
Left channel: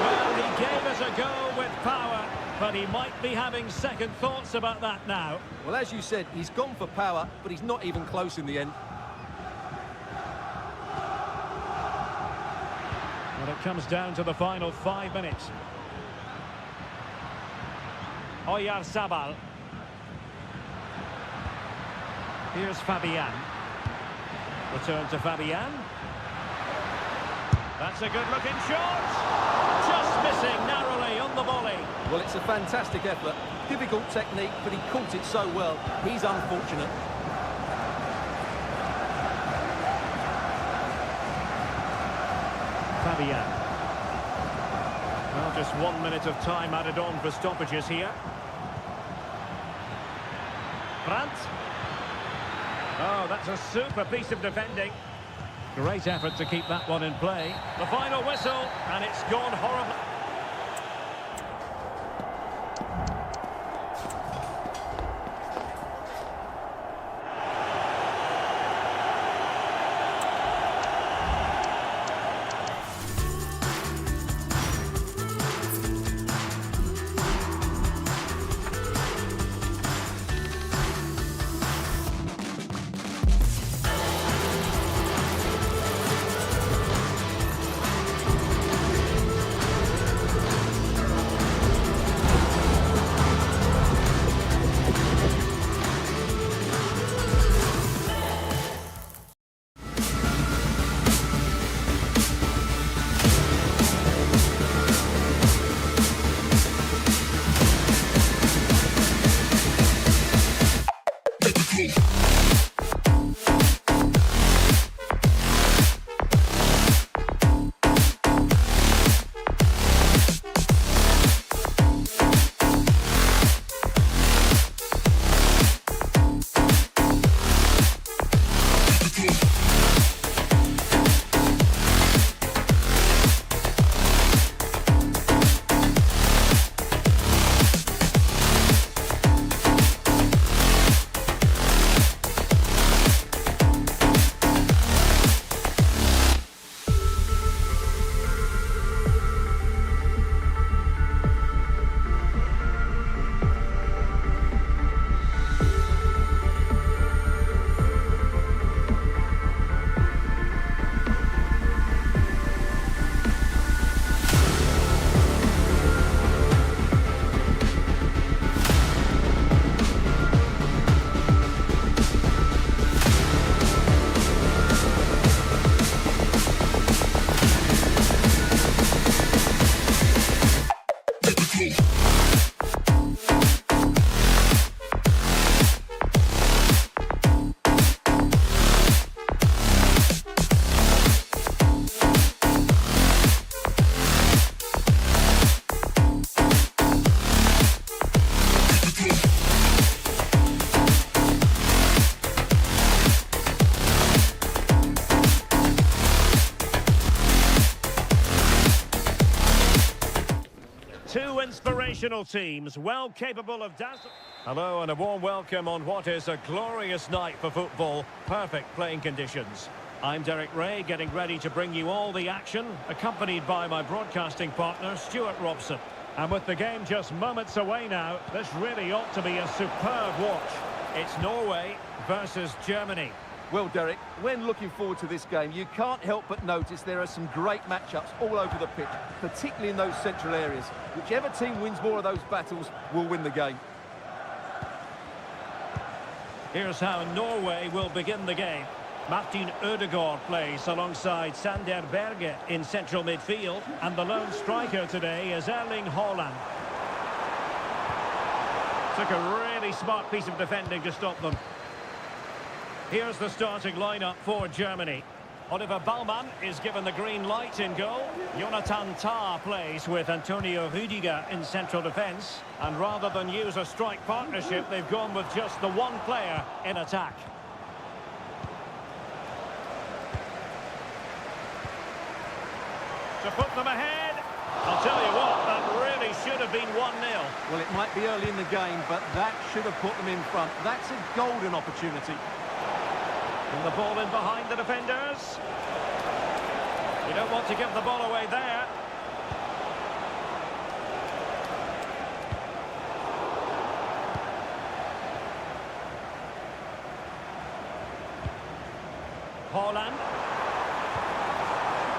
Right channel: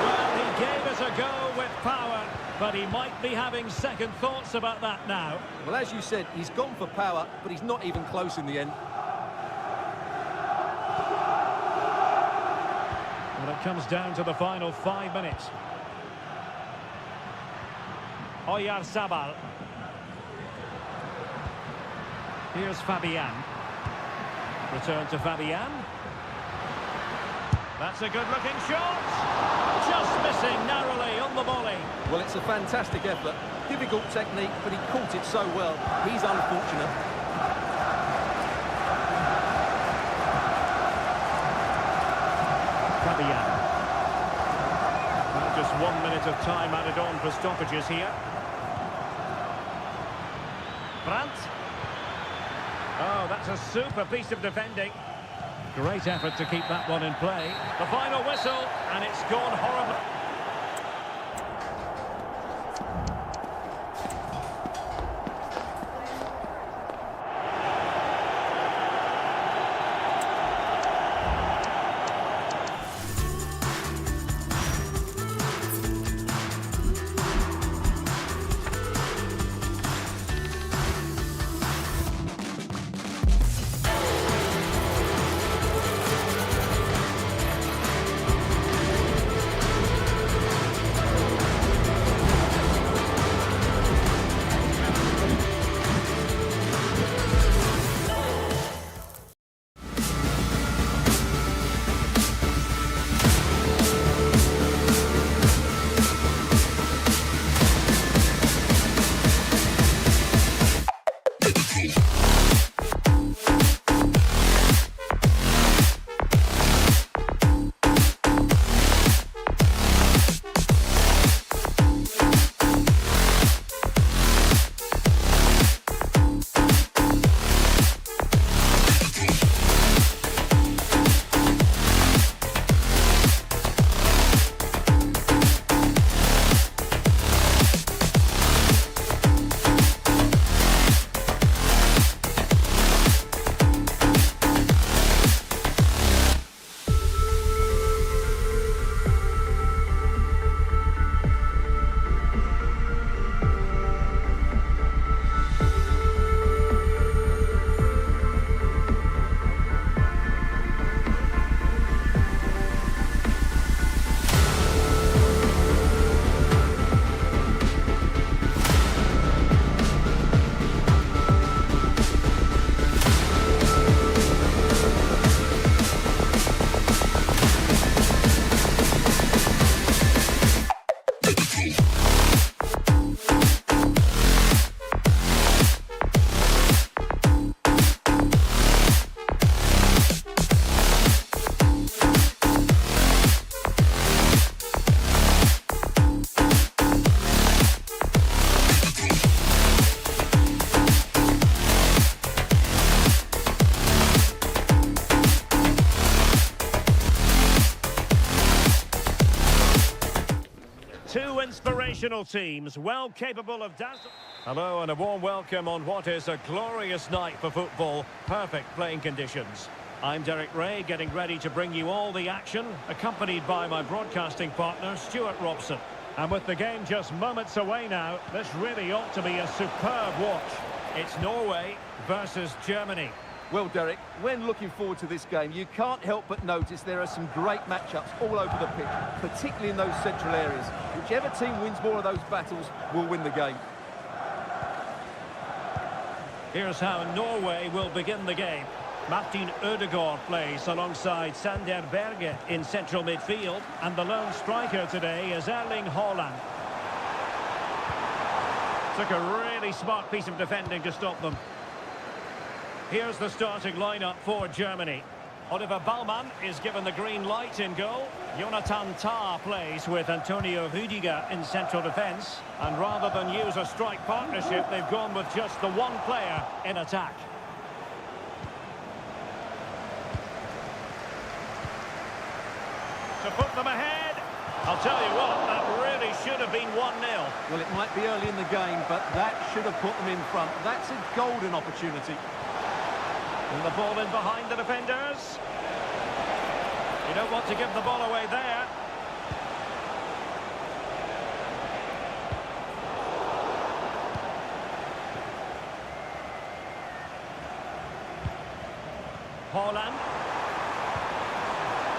Well, he gave us a go with power, but he might be having second thoughts about that now. Well, as you said, he's gone for power, but he's not even close in the end. Well, it comes down to the final 5 minutes. Oyarzabal. Here's Fabian. Return to Fabian. That's a good-looking shot. Just missing narrowly on the volley. Well, it's a fantastic effort. Difficult technique, but he caught it so well. He's unfortunate. Fabian. Well, just 1 minute of time added on for stoppages here. Brandt. Oh, that's a super piece of defending. Great effort to keep that one in play. The final whistle, and it's gone horribly. Two inspirational teams, well capable of dazzling. Hello and a warm welcome on what is a glorious night for football. Perfect playing conditions. I'm Derek Ray, getting ready to bring you all the action, accompanied by my broadcasting partner, Stuart Robson. And with the game just moments away now, this really ought to be a superb watch. It's Norway versus Germany. Well, Derek, when looking forward to this game, you can't help but notice there are some great matchups all over the pitch, particularly in those central areas. Whichever team wins more of those battles will win the game. Here's how Norway will begin the game. Martin Ødegaard plays alongside Sander Berge in central midfield, and the lone striker today is Erling Haaland. Took a really smart piece of defending to stop them. Here's the starting lineup for Germany. Oliver Baumann is given the green light in goal. Jonathan Tah plays with Antonio Rüdiger in central defence. And rather than use a strike partnership, they've gone with just the one player in attack. To put them ahead, I'll tell you what, that really should have been 1-0. Well, it might be early in the game, but that should have put them in front. That's a golden opportunity. And the ball in behind the defenders. You don't want to give the ball away there. Haaland.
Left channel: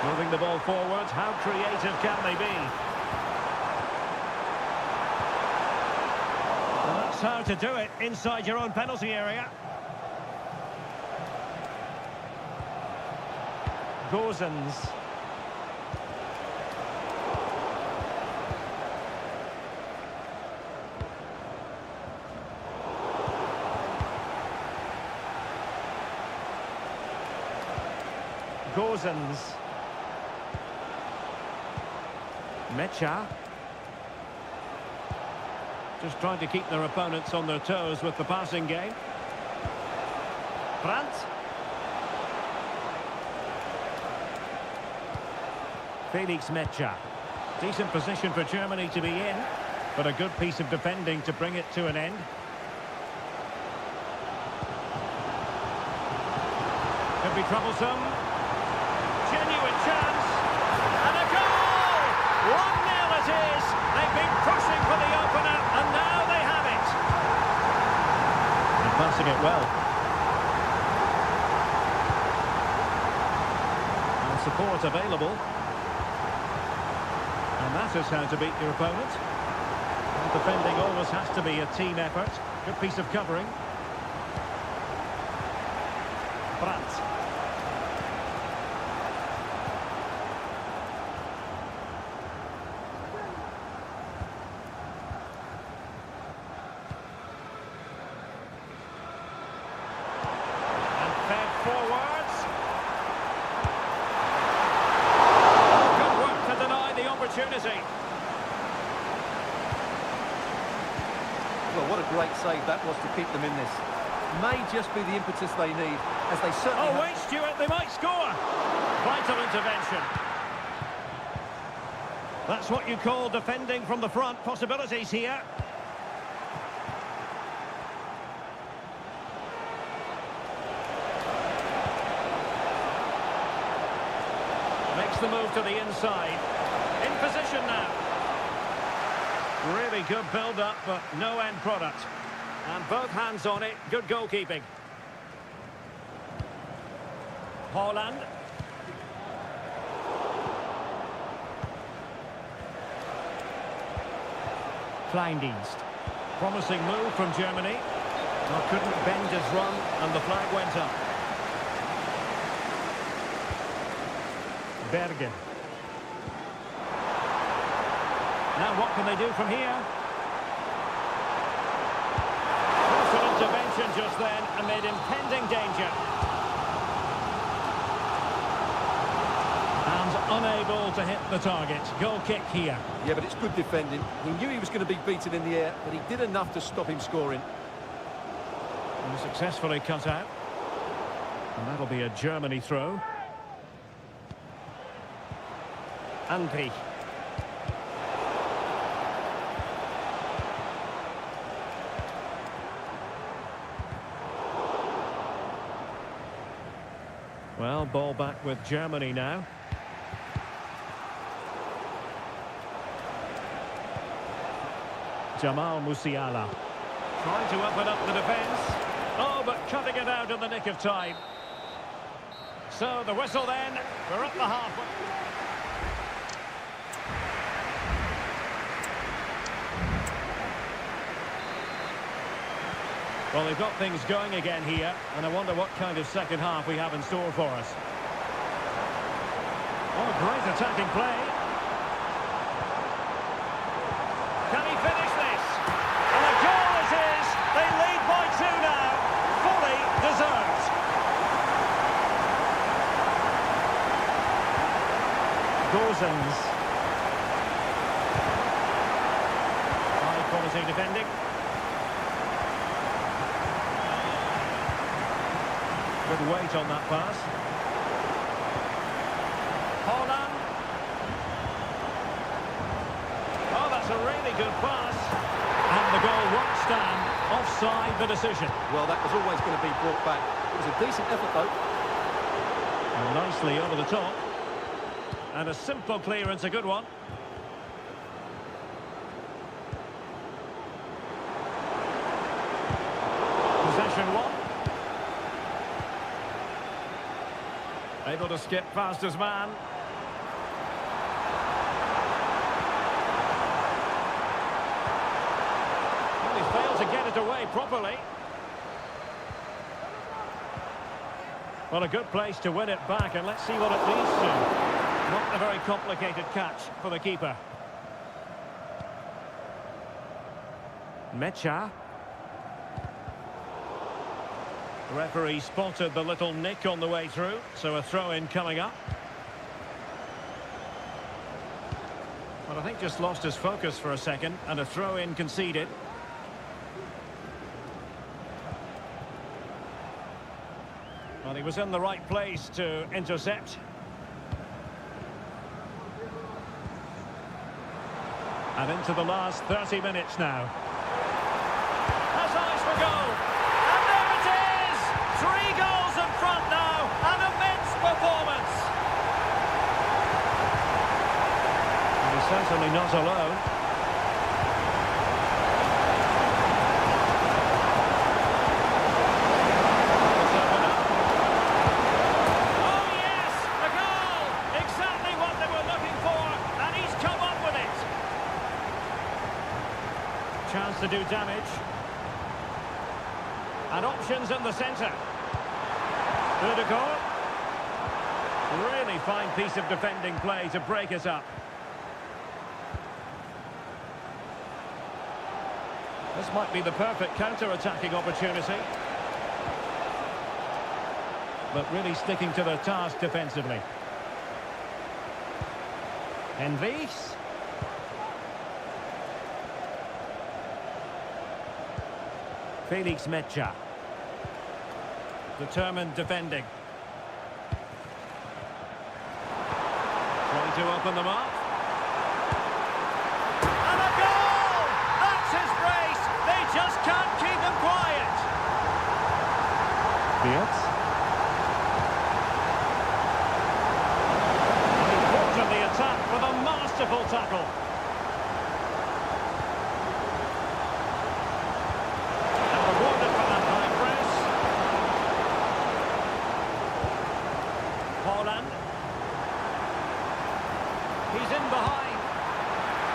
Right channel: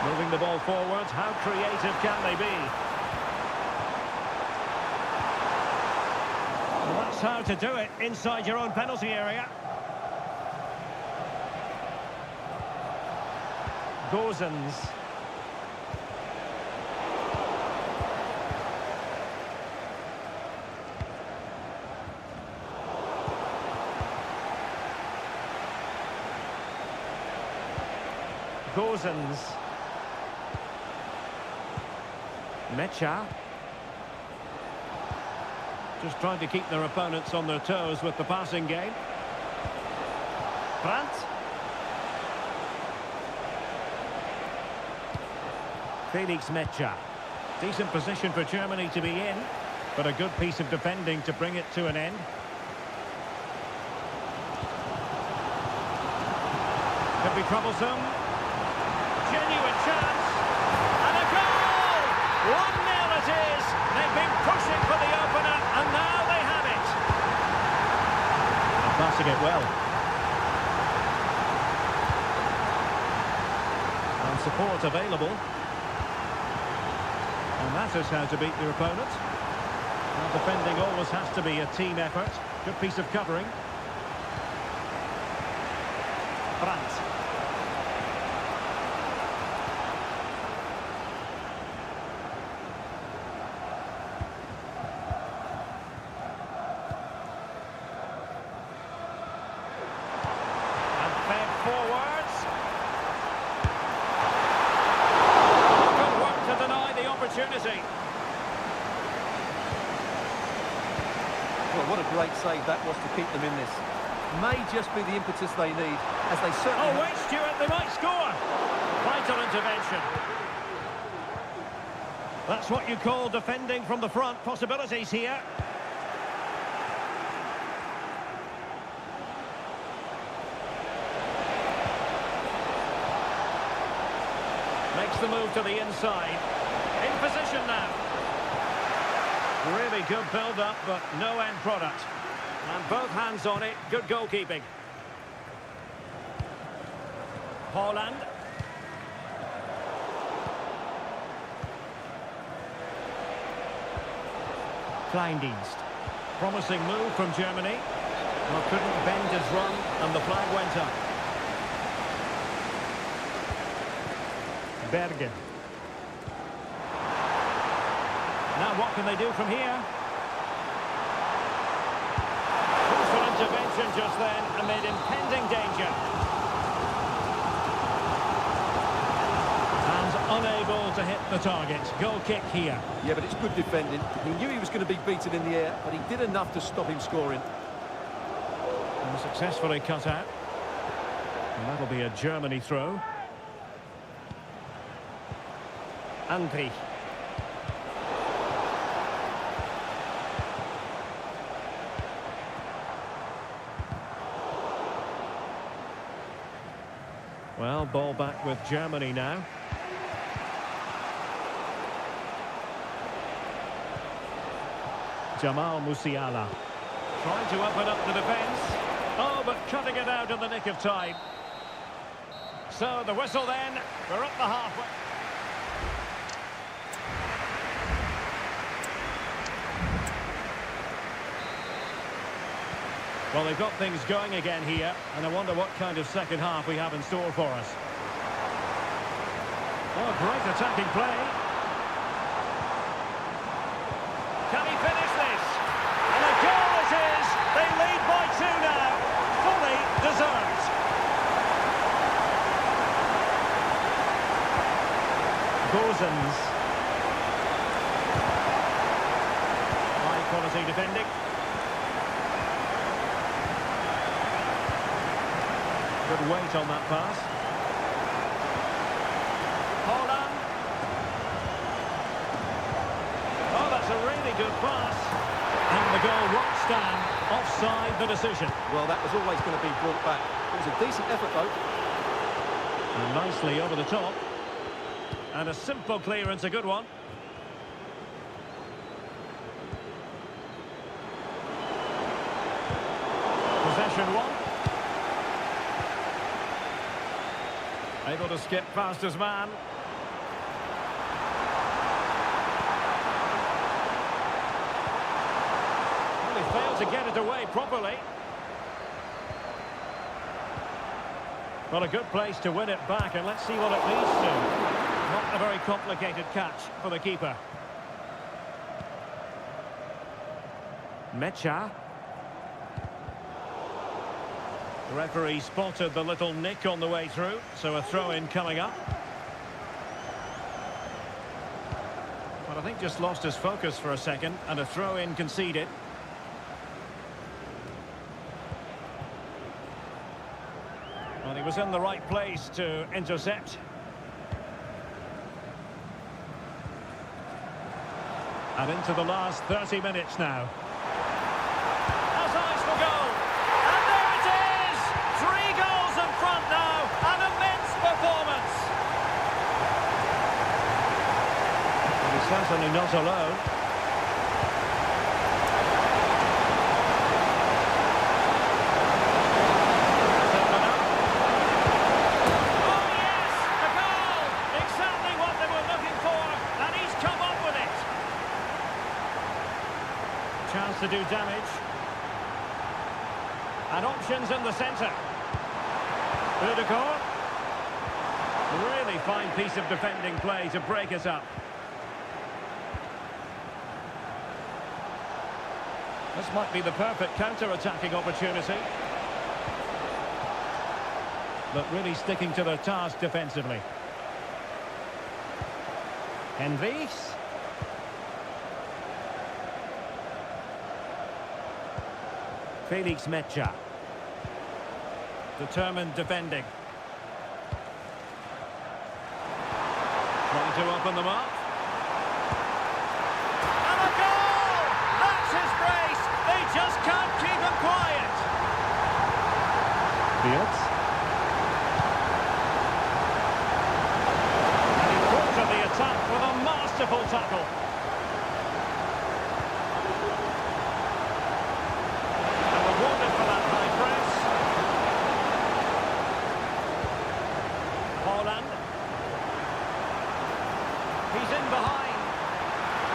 Moving the ball forward. How creative can they be? Well, that's how to do it inside your own penalty area. Gozens. Gozens. Mecha. Just trying to keep their opponents on their toes with the passing game. Brandt. Felix Mecha. Decent position for Germany to be in, but a good piece of defending to bring it to an end. Could be troublesome. Genuine chance. And a goal! 1-0 it is. They've been pushing for the opener, and now they have it. And passing it well. And support available. And that is how to beat your opponent. Well, defending always has to be a team effort. Good piece of covering. Brandt. Fed forwards. Good work to deny the opportunity. Well, what a great save that was to keep them in this. May just be the impetus they need, as they certainly... Oh, wait, Stuart, they might score. Vital intervention. That's what you call defending from the front. Possibilities here. Makes the move to the inside. In position now. Really good build-up, but no end product. And both hands on it. Good goalkeeping. Holland. Kleindienst. Promising move from Germany. Well, couldn't bend his run, and the flag went up. Bergen. Now what can they do from here? Crucial intervention just then amid impending danger. And unable to hit the target. Goal kick here. Yeah, but it's good defending. He knew he was going to be beaten in the air, but he did enough to stop him scoring. And successfully cut out. And that'll be a Germany throw. Andri. Well, ball back with Germany now. Jamal Musiala. Trying to open up the defence. Oh, but cutting it out in the nick of time. So the whistle then. We're up the halfway. Well, they've got things going again here, and I wonder what kind of second half we have in store for us. Oh, great attacking play. Can he finish this? And a goal it is. They lead by 2 now. Fully deserved. Gozens. High quality defending. Good weight on that pass. Holland. Oh, that's a really good pass. And the goal won't stand. Offside the decision. Well, that was always going to be brought back. It was a decent effort, though. And nicely over the top. And a simple clearance, a good one. Possession one. Able to skip past his man. Well, he failed to get it away properly. Well, a good place to win it back, and let's see what it leads to. Not a very complicated catch for the keeper. Mecha. The referee spotted the little nick on the way through, so a throw-in coming up. Well, I think just lost his focus for a second, and a throw-in conceded. Well, he was in the right place to intercept. And into the last 30 minutes now. Has eyes for goal. And there it is! 3 goals in front now. An immense performance. And he's certainly not alone. Oh yes! A goal! Exactly what they were looking for. And he's come up with it. Chance to do damage. And options in the centre. Dewidek. Really fine piece of defending play to break it up. This might be the perfect counter-attacking opportunity. but really sticking to their task defensively. Henrichs. Felix Mecha. Determined defending. Trying to open them up. And a goal! That's his brace! They just can't keep him quiet! Beards. And he quartered the attack with a masterful tackle. And rewarded for that high press. Holland. He's in behind.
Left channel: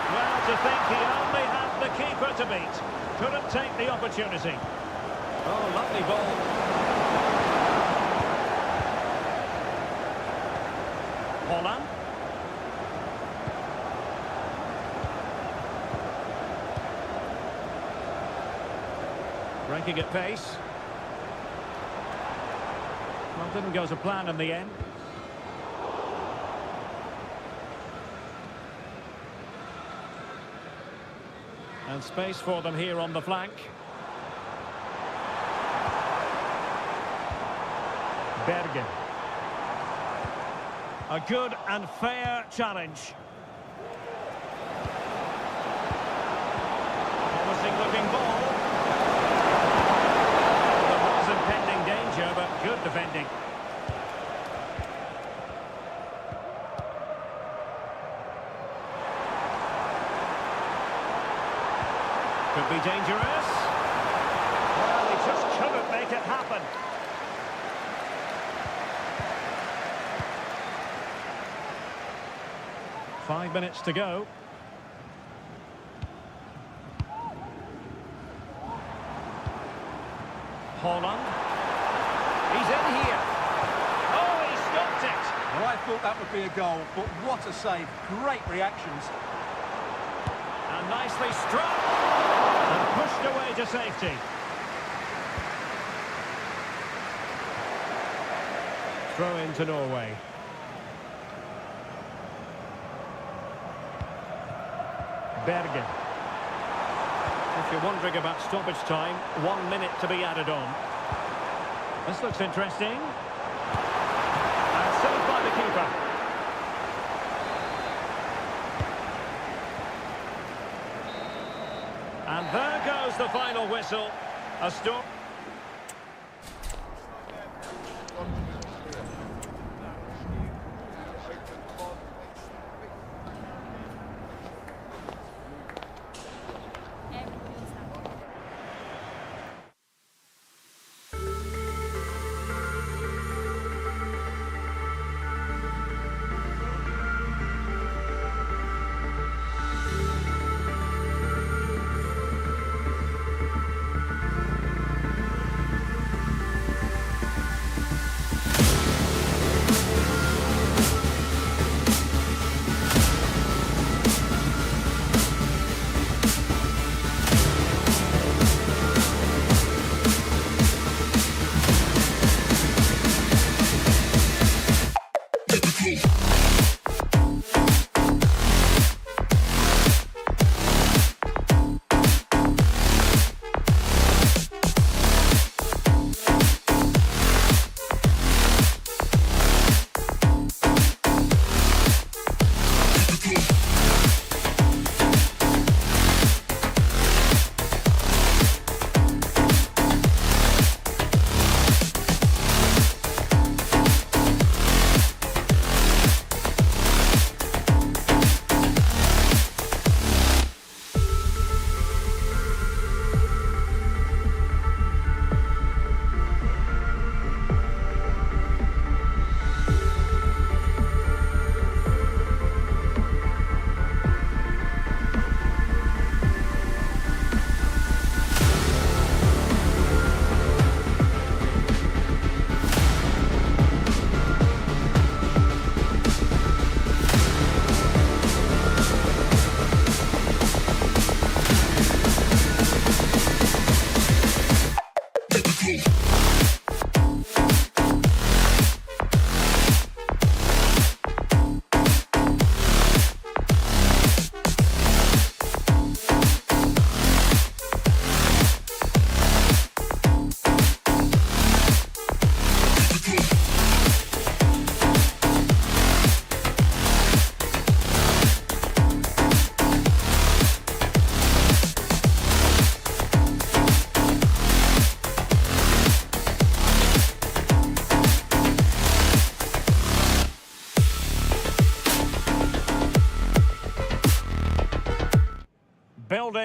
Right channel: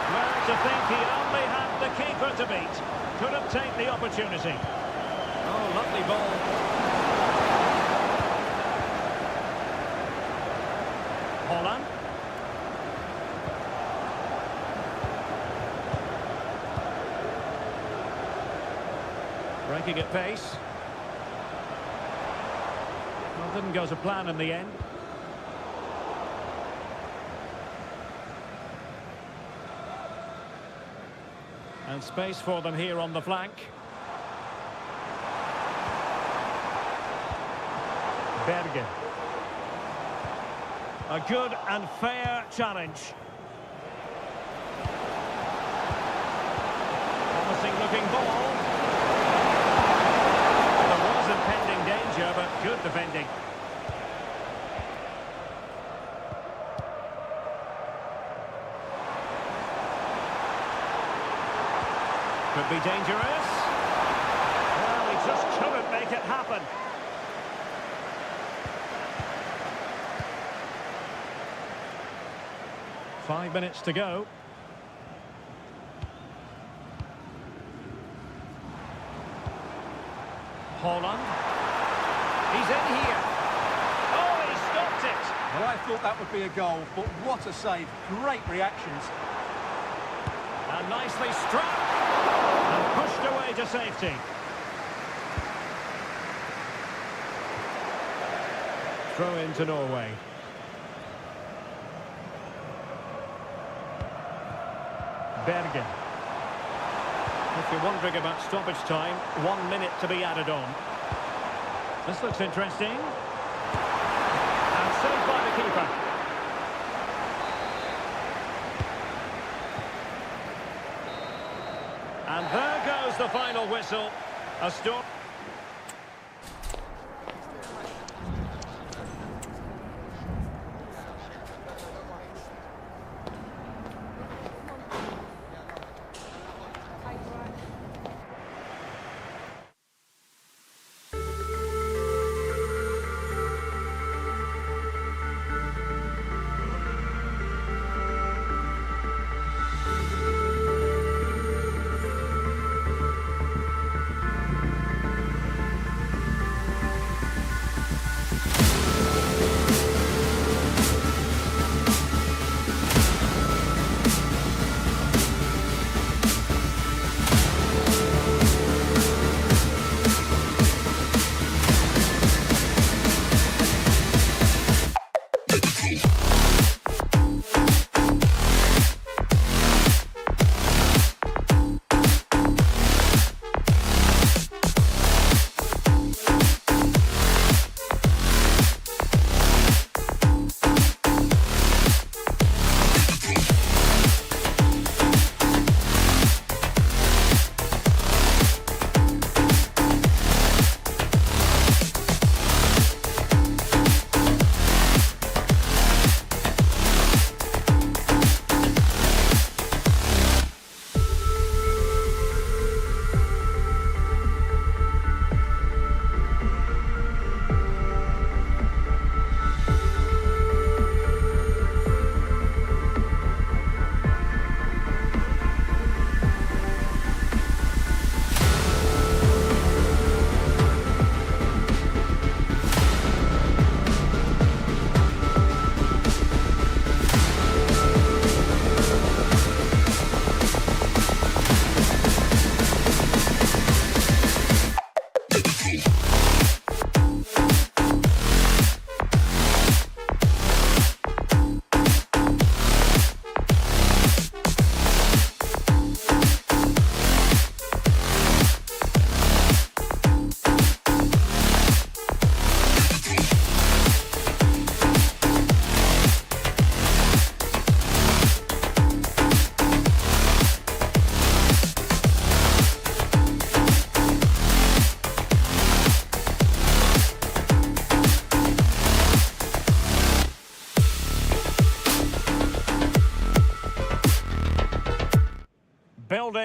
Well, to think he only had the keeper to beat. Couldn't take the opportunity. Oh, lovely ball. Holland. Breaking at pace. Well, didn't go to plan in the end. And space for them here on the flank. Bergen. A good and fair challenge. Promising looking ball. There was impending danger, but good defending. Could be dangerous. Well, he just couldn't make it happen. Five minutes to go. Holland. He's in here. Oh, he stopped it. Well, I thought that would be a goal, but what a save. Great reactions. And nicely struck. And pushed away to safety. Throw into Norway. Bergen. If you're wondering about stoppage time, 1 minute to be added on. This looks interesting. And saved by the keeper. And there goes the final whistle. A stop.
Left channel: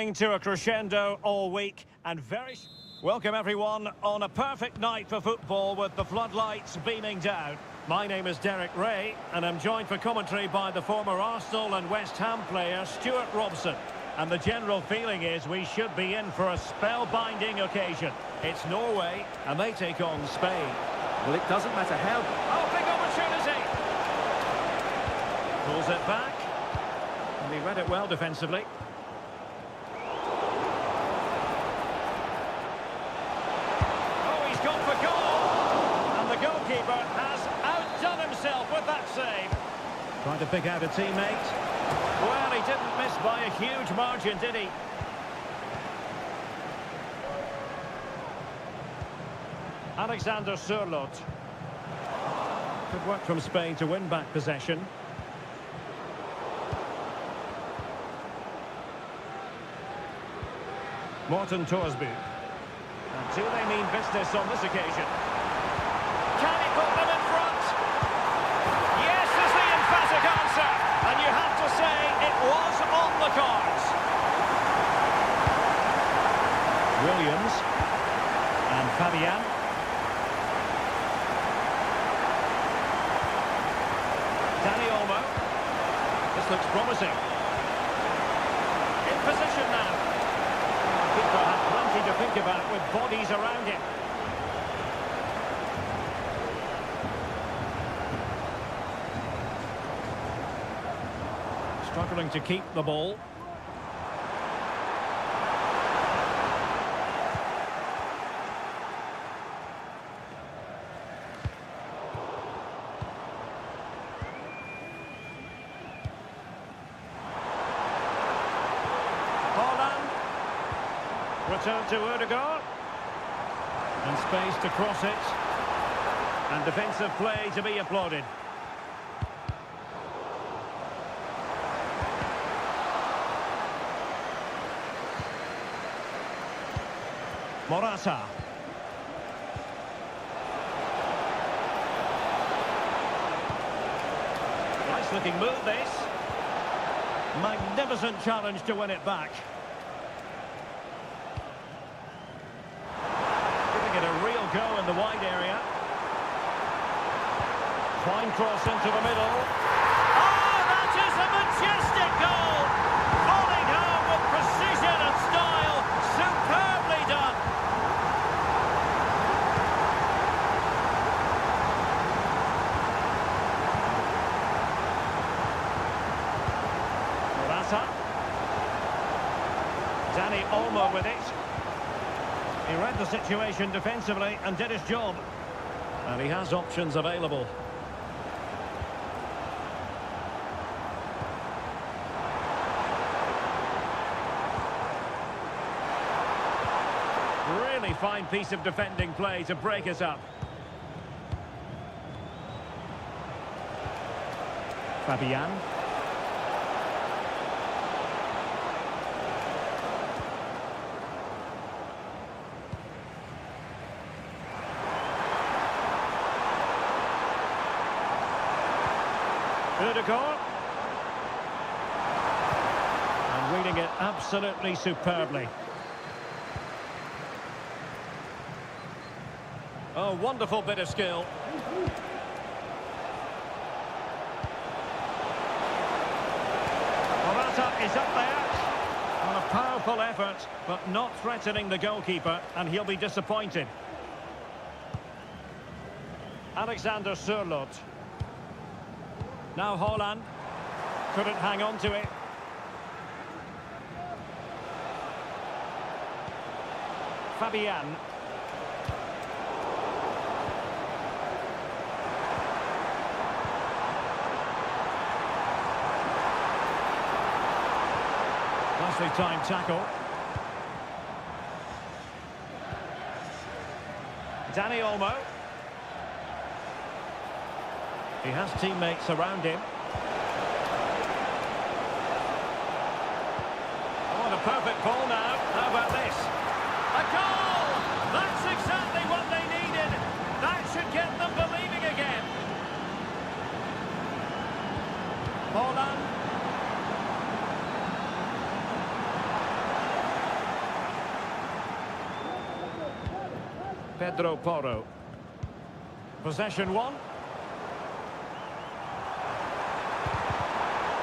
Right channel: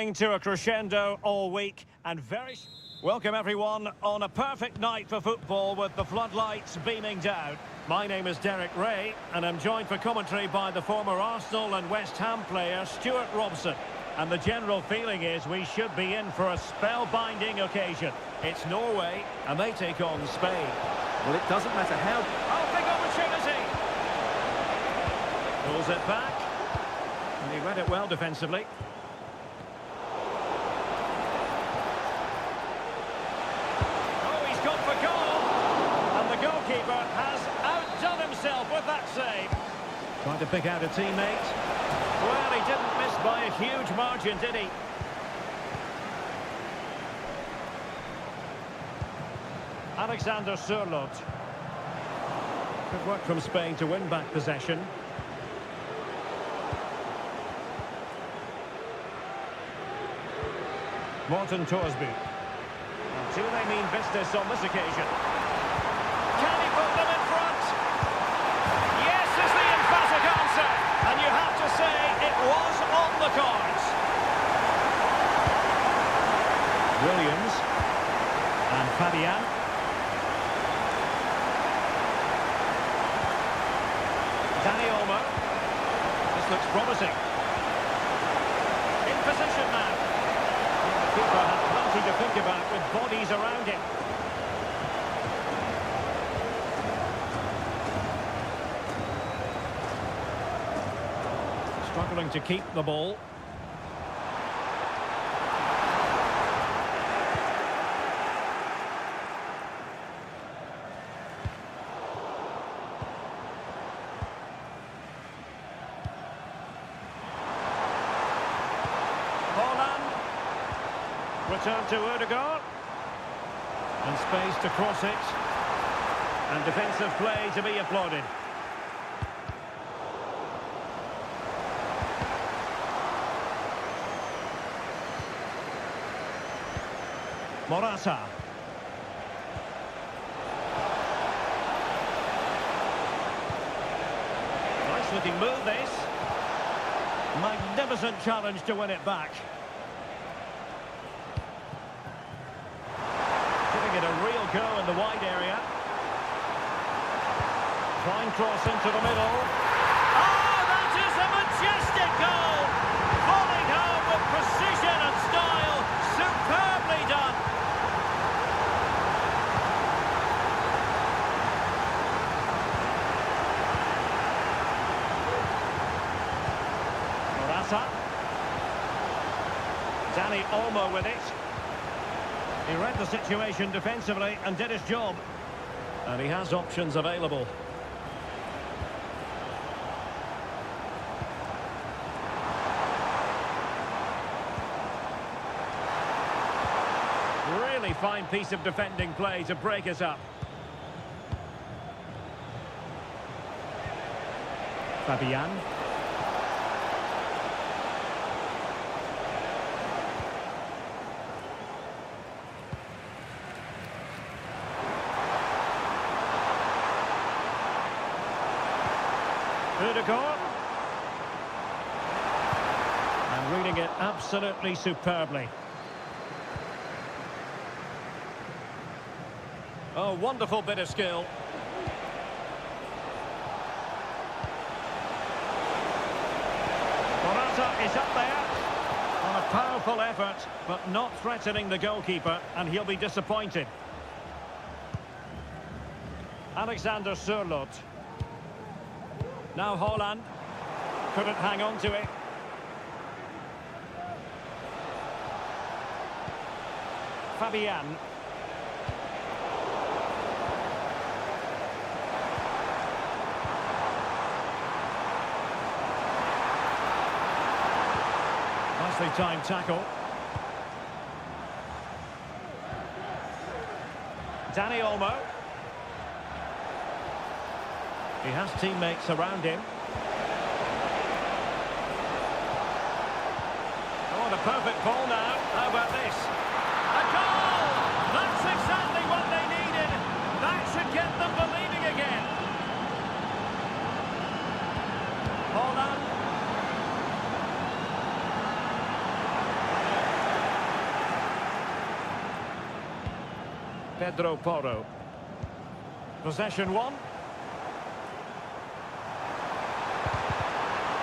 building to a crescendo all week and very... Welcome everyone on a perfect night for football with the floodlights beaming down. My name is Derek Ray and I'm joined for commentary by the former Arsenal and West Ham player Stuart Robson. And the general feeling is we should be in for a spellbinding occasion. It's Norway and they take on Spain. Well, it doesn't matter how... Oh, big opportunity! Pulls it back. And he read it well defensively. Oh, he's gone for goal! And the goalkeeper has outdone himself with that save. Trying to pick out a teammate. Well, he didn't miss by a huge margin, did he? Alexander Sørloth. Good work from Spain to win back possession. Morten Thorsby. And do they mean business on this occasion? Can he put them in front? Yes is the emphatic answer. And you have to say it was on the cards. Williams. And Fabian. Dani Olmo. This looks promising. In position now. The keeper had plenty to think about with bodies around him. Struggling to keep the ball. Holland. Return to Ødegaard. And space to cross it. And defensive play to be applauded. Morata. Nice looking move this. Magnificent challenge to win it back. Giving it a real go in the wide area. Fine cross into the middle. Oh, that is a majestic goal! Volleyed home with precision and style. Superbly done. Morata. Dani Olmo with it. He read the situation defensively and did his job. And he has options available. Really fine piece of defending play to break us up. Fabian. Ødegaard. And reading it absolutely superbly. Oh, wonderful bit of skill. Morata is up there. On a powerful effort, but not threatening the goalkeeper, and he'll be disappointed. Alexander Sørloth. Now Holland. Couldn't hang on to it. Fabian. Nicely timed tackle. Dani Olmo. He has teammates around him. Oh, what a perfect ball now. How about this? A goal! That's exactly what they needed. That should get them believing again. Holland. Pedro Porro. Possession one.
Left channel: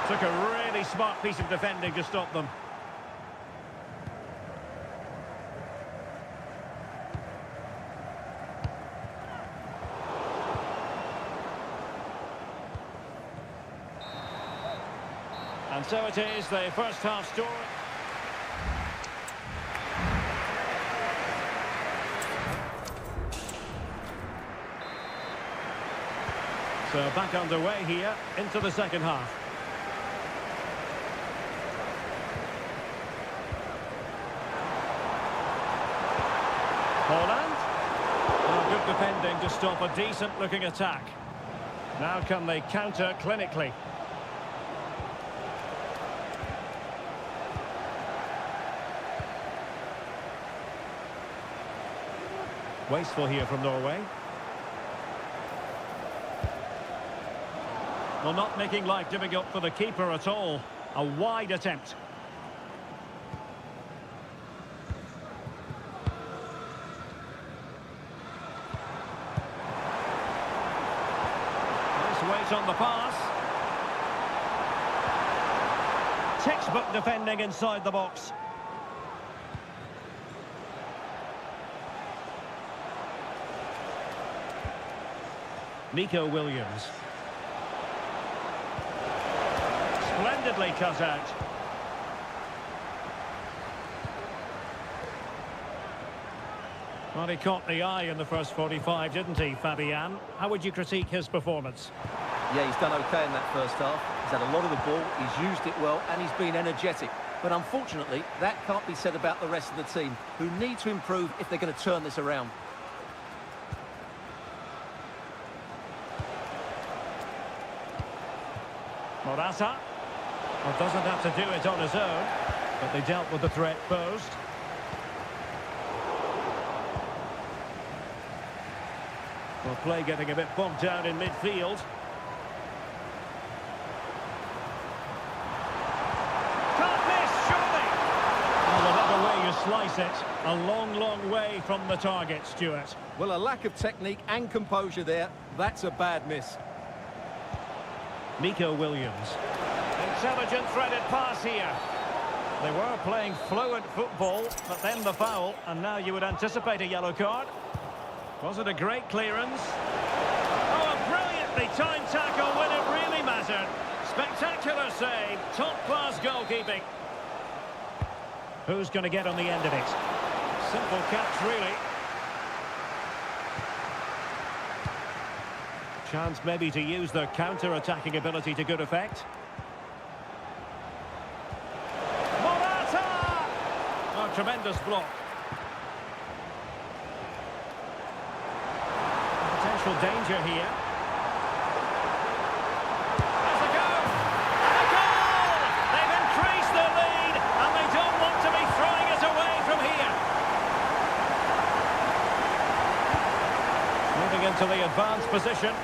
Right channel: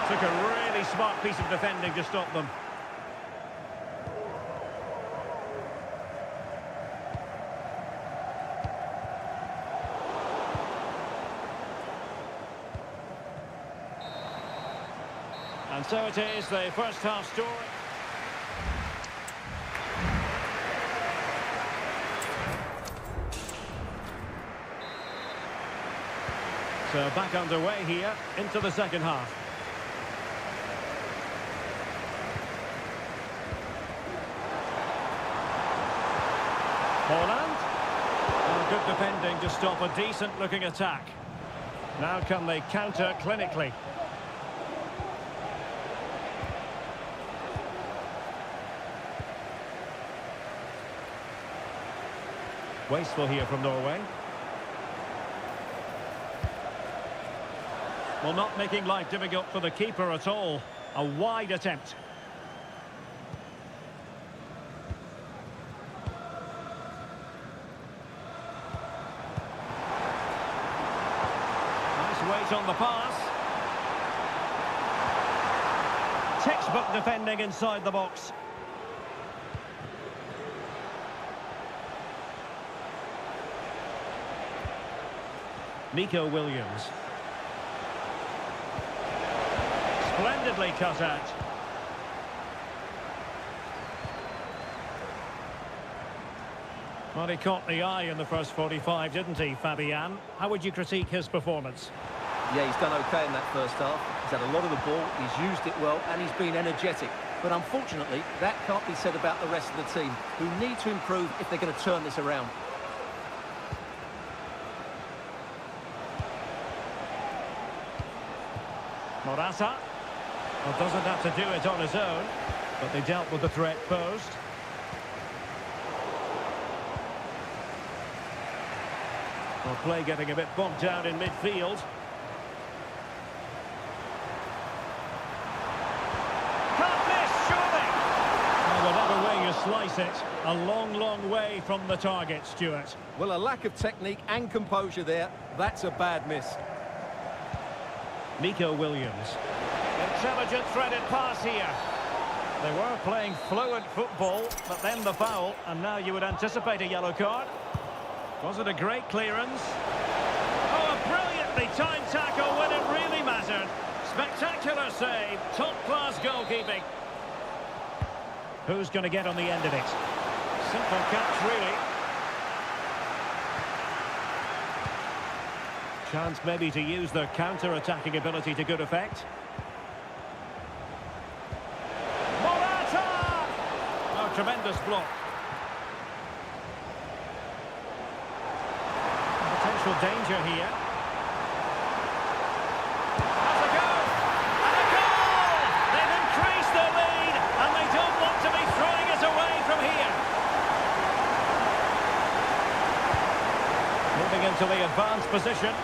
Took a really smart piece of defending to stop them. And so it is, the first half story. So back underway here into the second half. Holland. Oh, good defending to stop a decent-looking attack. Now can they counter clinically? Wasteful here from Norway. Well, not making life difficult for the keeper at all. A wide attempt. Nice weight on the pass. Textbook defending inside the box. Nico Williams. Splendidly cut out. Well, he caught the eye in the first 45, didn't he, Fabian? How would you critique his performance? Yeah, he's done okay in that first half. He's had a lot of the ball, he's used it well, and he's been energetic. But unfortunately, that can't be said about the rest of the team, who need to improve if they're going to turn this around. Morata. Well, doesn't have to do it on his own, but they dealt with the threat posed. Well, play getting a bit bogged down in midfield. Can't miss, surely! Well, whatever way you slice it, a long, long way from the target, Stuart. Well, a lack of technique and composure there. That's a bad miss. Nico Williams. Intelligent threaded pass here. They were playing fluent football, but then the foul, and now you would anticipate a yellow card. Was it a great clearance? Oh, a brilliantly timed tackle when it really mattered. Spectacular save, top-class goalkeeping. Who's going to get on the end of it? Simple catch, really. Chance maybe to use their counter-attacking ability to good effect. Morata! Oh, tremendous block. Potential danger here. Has a go! And a goal! They've increased their lead, and they don't want to be throwing it away from here. Moving into the advanced position.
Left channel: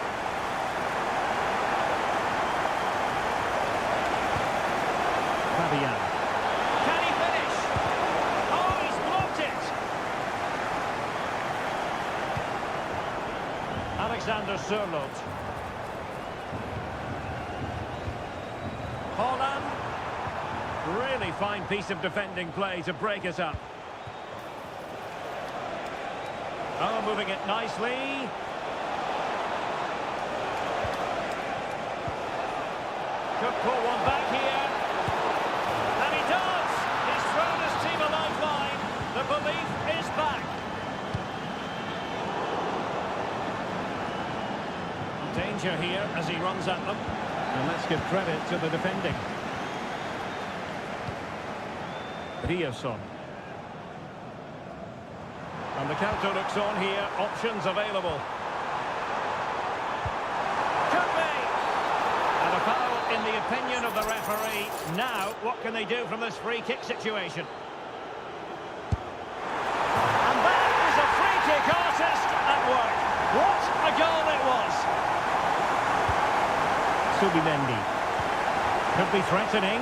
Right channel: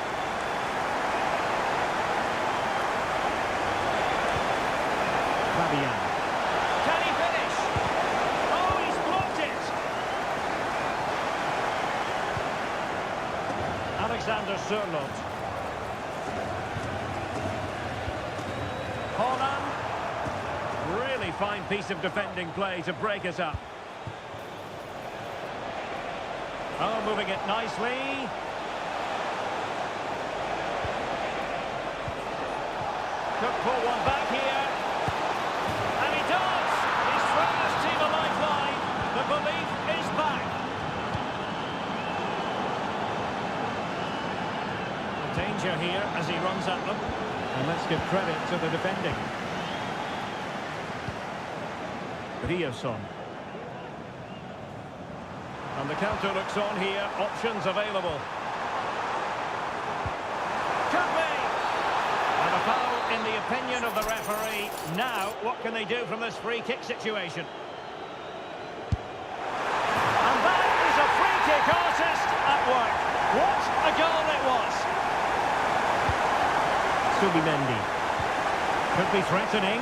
Fabian. Can he finish? Oh, he's blocked it! Alexander Sørloth. Holland. Really fine piece of defending play to break it up. Oh, moving it nicely. Could pull one back here. And he does! He's thrown his team a lifeline. The belief is back. Danger here as he runs at them. And let's give credit to the defending. Riasson. And the counter looks on here. Options available. Could be! And a foul in the opinion of the referee. Now, what can they do from this free kick situation? And that is a free kick artist at work. What a goal it was! Subimendi. Could be threatening.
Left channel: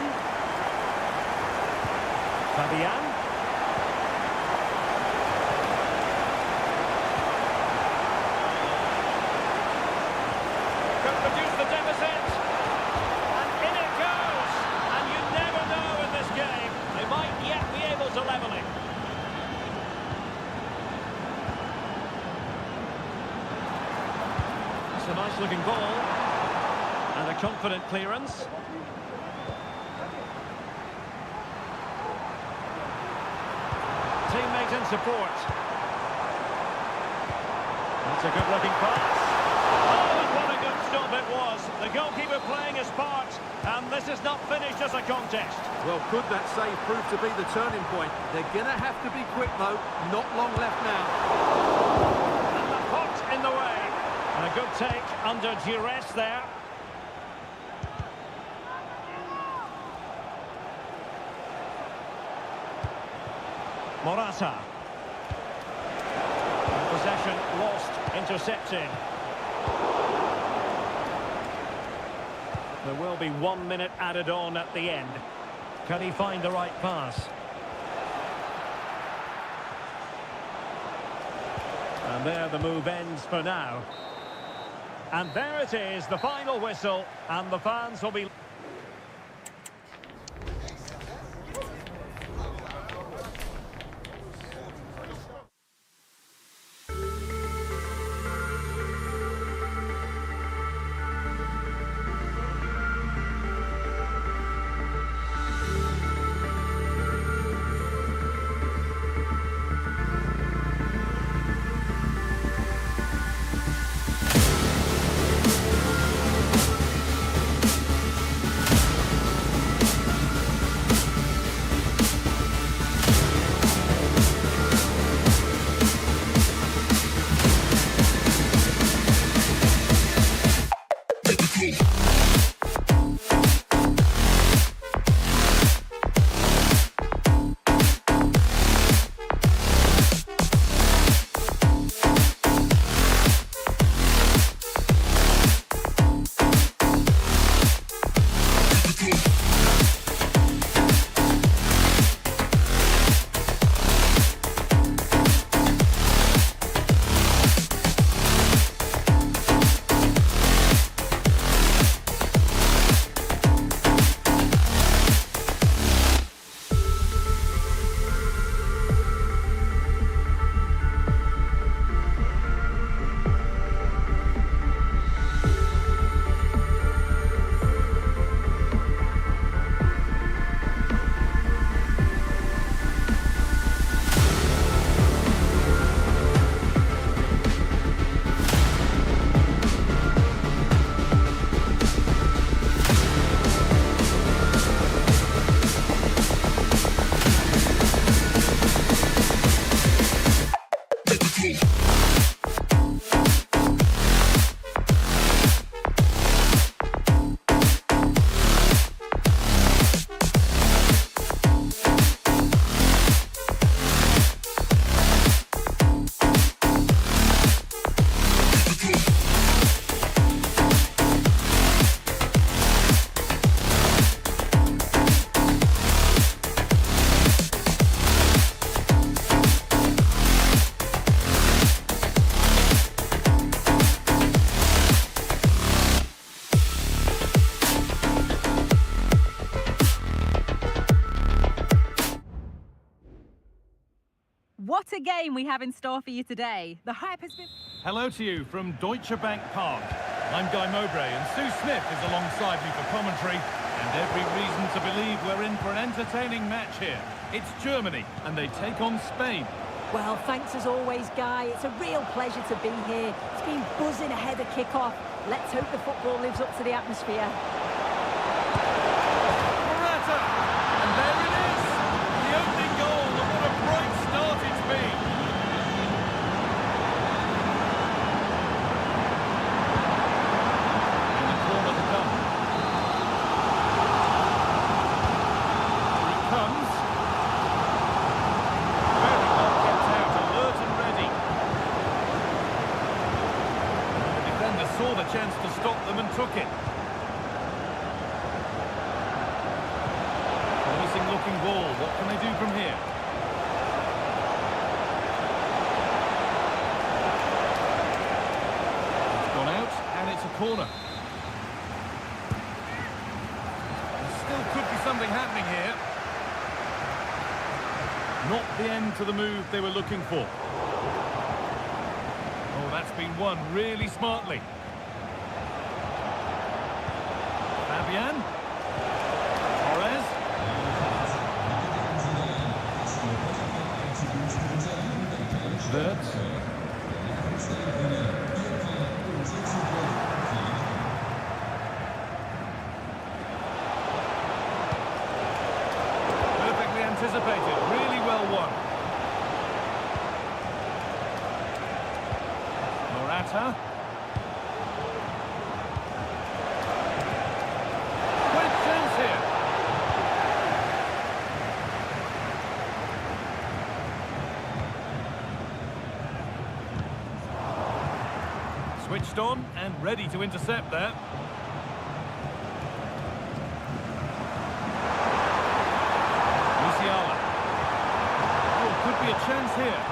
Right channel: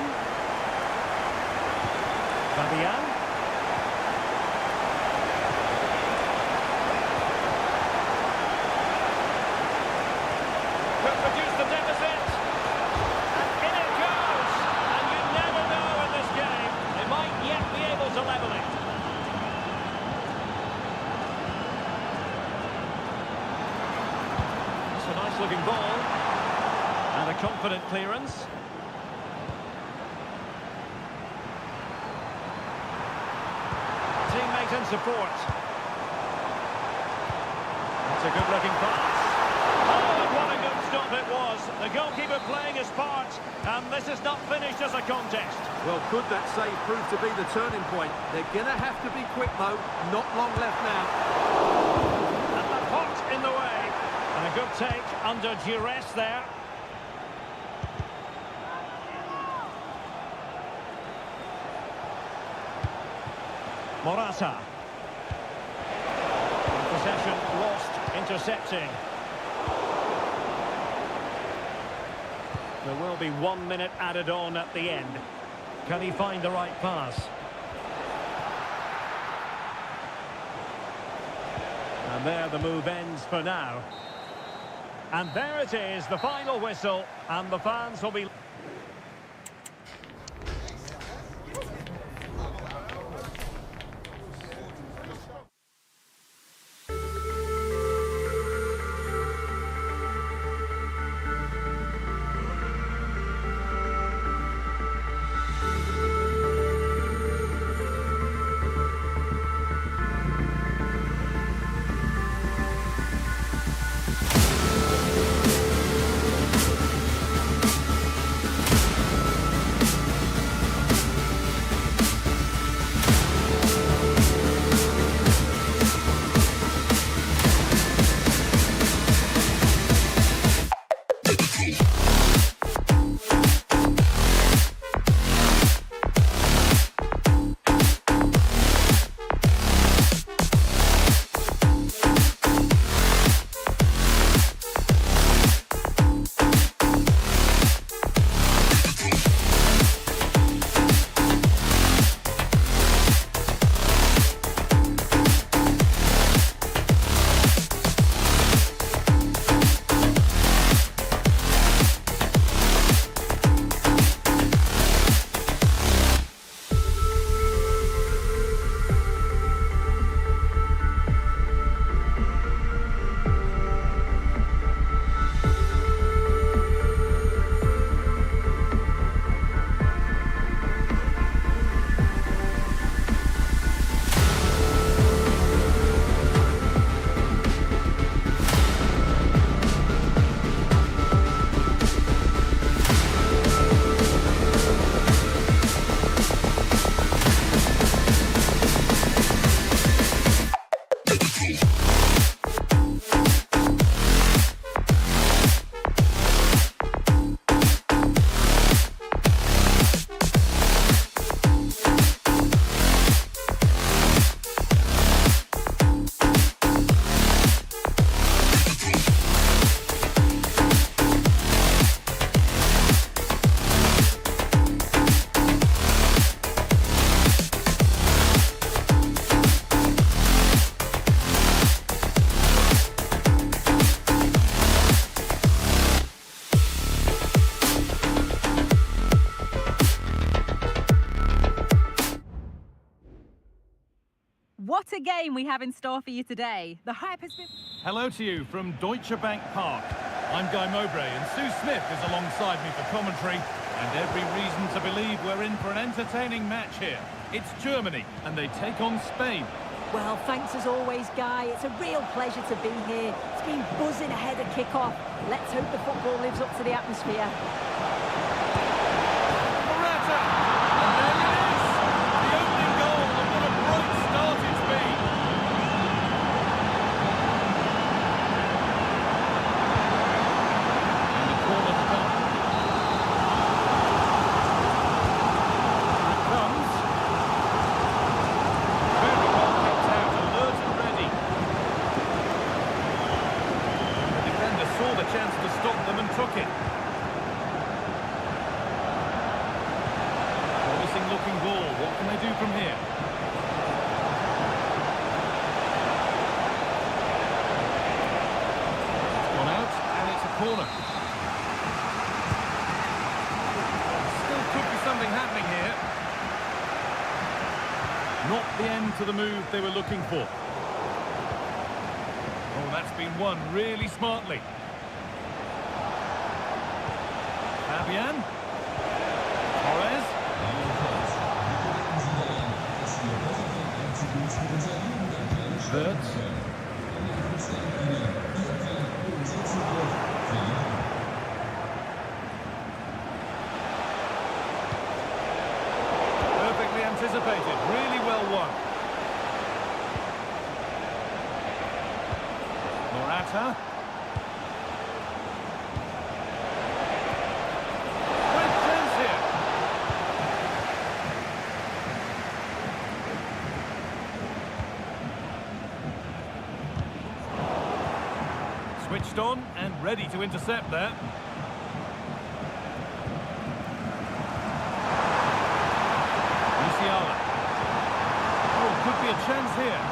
Fabian. deficit. And in it goes. And you never know in this game. They might yet be able to level it. That's a nice looking ball. And a confident clearance. Teammate in support. That's a good-looking pass. Oh, and what a good stop it was. The goalkeeper playing his part, and this is not finished as a contest. Well, could that save prove to be the turning point? They're going to have to be quick, though. Not long left now. And the pot in the way. And a good take under duress there. Morata. And possession lost, intercepted. There will be 1 minute added on at the end. Can he find the right pass? And there the move ends for now. And there it is, the final whistle, and the fans will be... What a game we have in store for you today. The hype has been... Hello to you from Deutsche Bank Park. I'm Guy Mowbray and Sue Smith is alongside me for commentary. And every reason to believe we're in for an entertaining match here. It's Germany and they take on Spain. Well, thanks as always, Guy. It's a real pleasure to be here. It's been buzzing ahead of kick-off. Let's hope the football lives up to the atmosphere. Morata! And there it is! The opening goal, and what a bright start it's been! And the corner to come. Here it comes. Very well kept out, alert and ready. And the defender saw the chance to stop them and took it. Promising looking ball. What can they do from here? It's gone out and it's a corner. could be something happening here. Not the end to the move they were looking for. Oh, that's been won really smartly. Fabian. Torres. Wirtz. Perfectly anticipated, really well won. Morata. Great chance here. Switched on and ready to intercept there. Musiala. Oh, could be a chance here.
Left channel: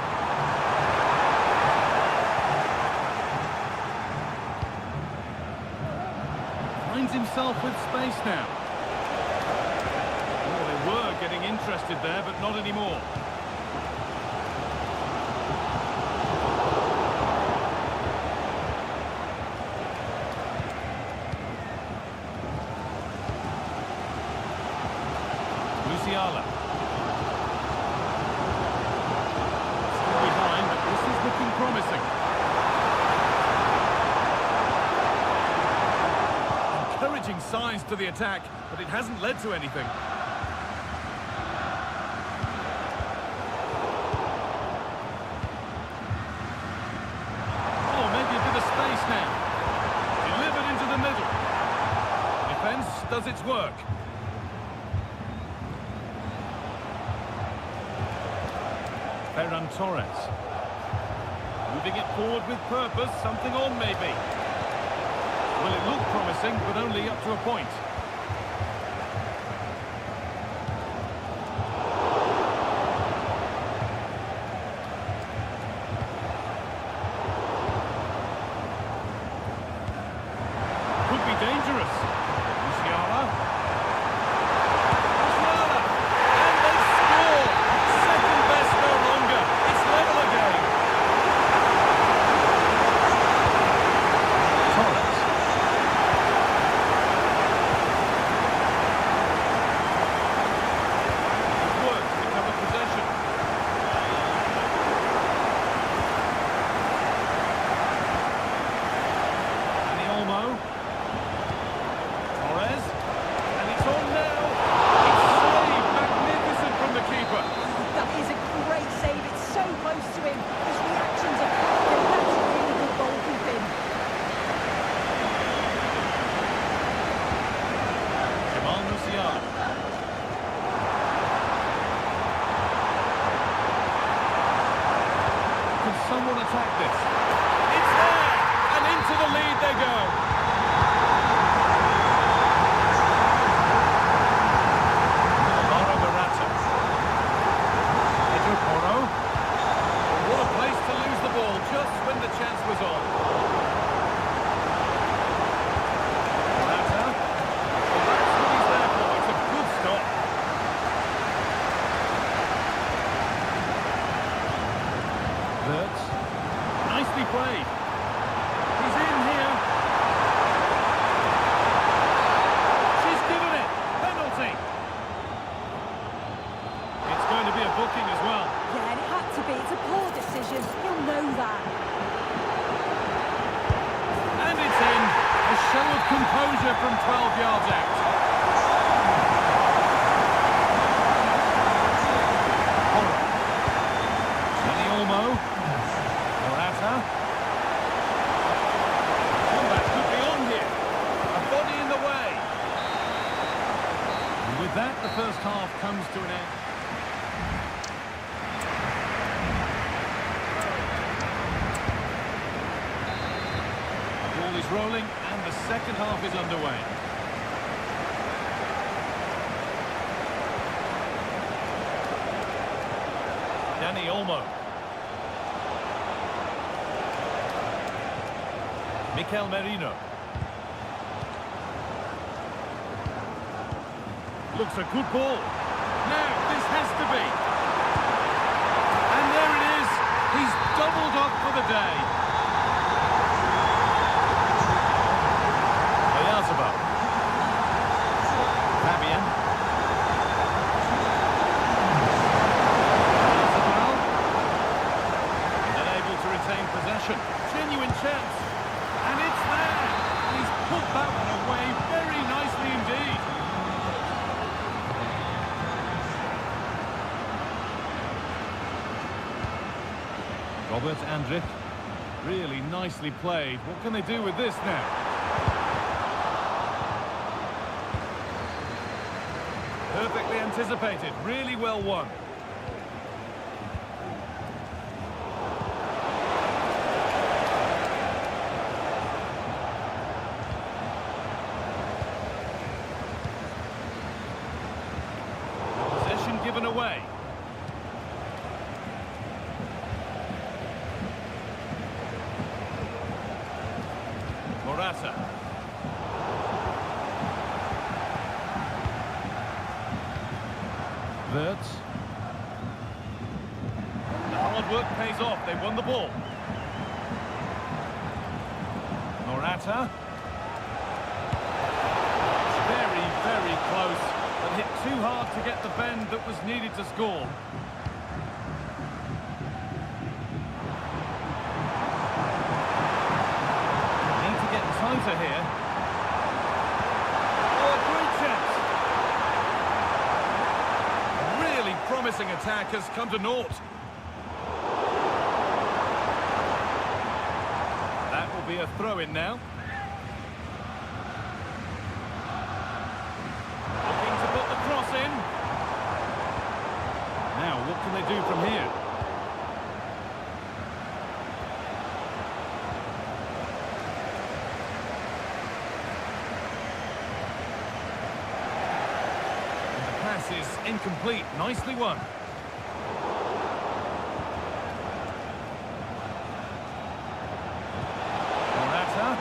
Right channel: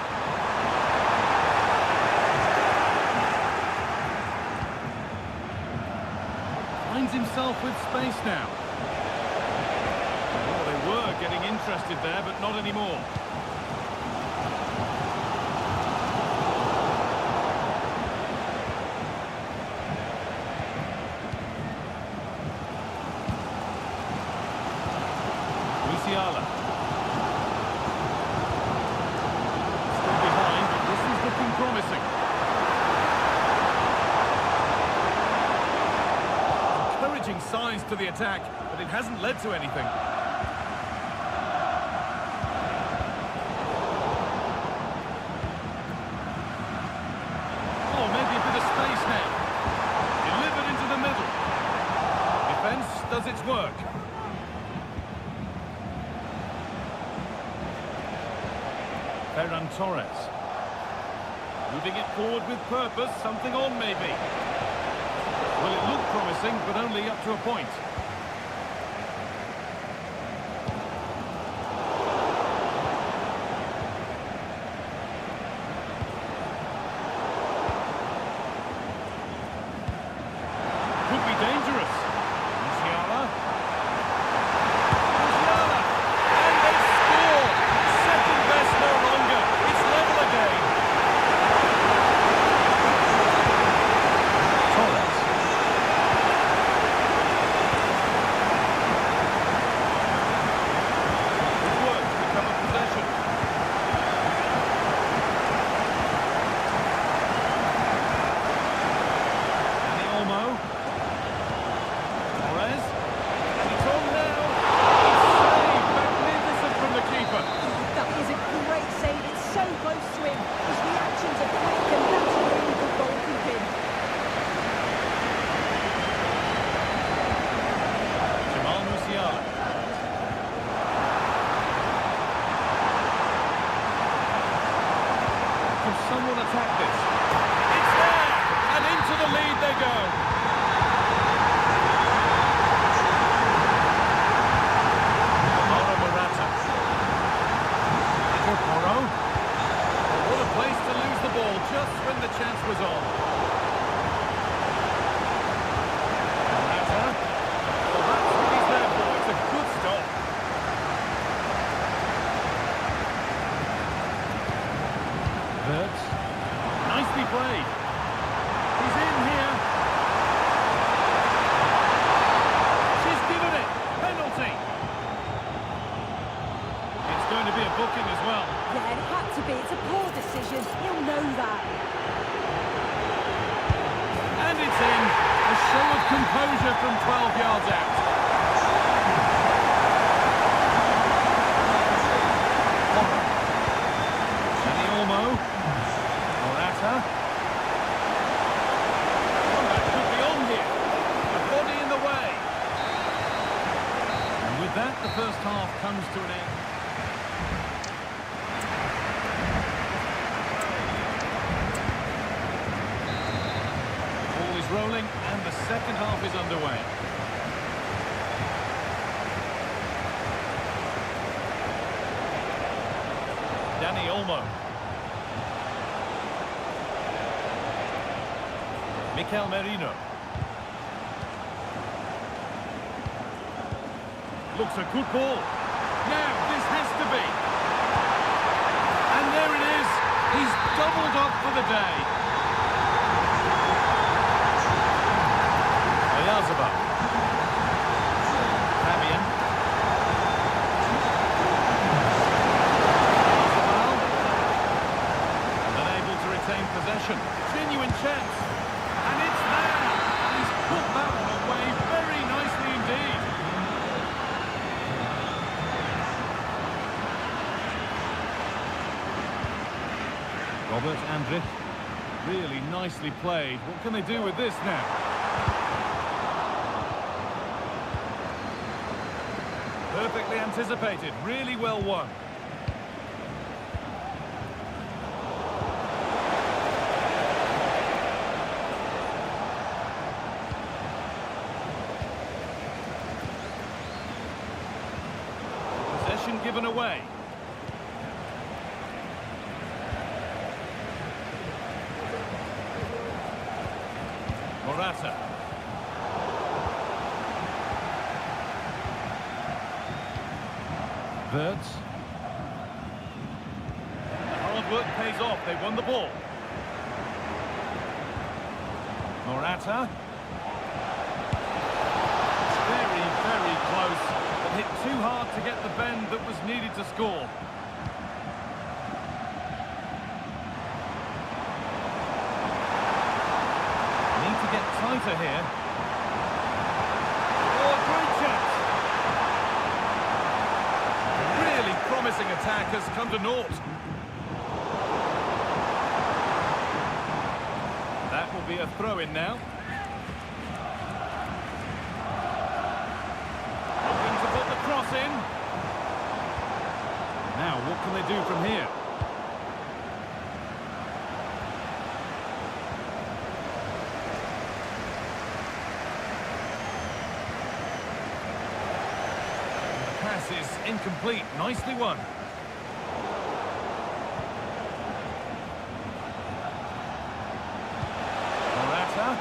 Finds himself with space now. Oh, they were getting interested there, but not anymore. Musiala. Still behind, but this is looking promising. Encouraging signs to the attack, but it hasn't led to anything. Oh, maybe a bit of space now. Delivered into the middle. Defense does its work. Ferran Torres. Moving it forward with purpose, something on maybe. Well, it looked promising, but only up to a point. Could be dangerous. Musiala. Musiala! And they score! Second best no longer. It's level again. Torres. Good work to recover possession. Dani Olmo. Torres. And it's on now. It's saved. Magnificent from the keeper. That is a great save. It's so close to him. His reactions are quick, and that's really good goalkeeping. Musiala. Can someone attack this? It's there! And into the lead they go. Alvaro Morata. Pedro Porro. What a place to lose the ball just when the chance was on. Morata. Well, that's what he's there for. It's a good stop. Wirtz. Nicely played. He's in here. She's given it. Penalty. It's going to be a booking as well. Yeah, and it had to be. It's a poor decision. He'll know that. And it's in. A show of composure from 12 yards out. Porro. Dani Olmo. Morata. Comeback could be on here. A body in the way. And with that, the first half comes to an end. Ball is rolling and the second half is underway. Dani Olmo. Mikel Merino. Looks a good ball. Now, this has to be. And there it is. He's doubled up for the day. Oyarzabal. Fabian. Oyarzabal. And unable to retain possession. Genuine chance. And it's there. And he's put that one away very nicely indeed. Robert Andrich. Really nicely played. What can they do with this now? Perfectly anticipated. Really well won. Possession given away. Morata. Wirtz. The hard work pays off. They won the ball. Morata. It's very, very close, but hit too hard to get the bend that was needed to score. Need to get tighter here. Oh, a great chance. A really promising attack has come to naught. That will be a throw-in now. Looking to put the cross in. Now, what can they do from here? Pass is incomplete. Nicely won. Morata.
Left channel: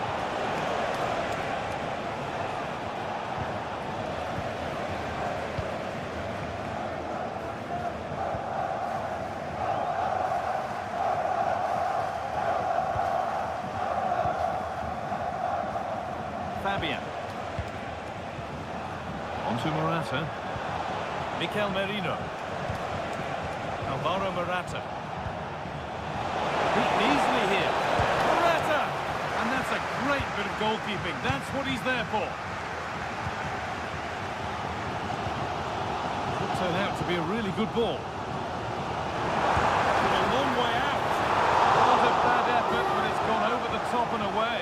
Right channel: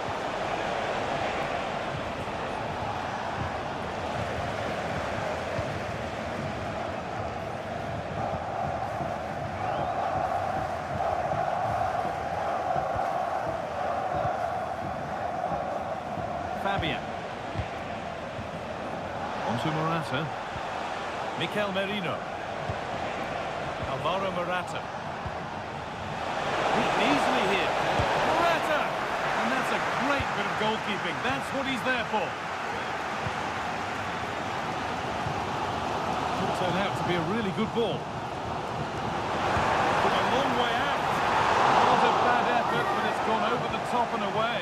Fabian. On to Morata. Mikel Merino. Alvaro Morata. Beaten easily here. Morata! And that's a great bit of goalkeeping. That's what he's there for. Could turn out to be a really good ball. From a long way out. Not a bad effort, but it's gone over the top and away.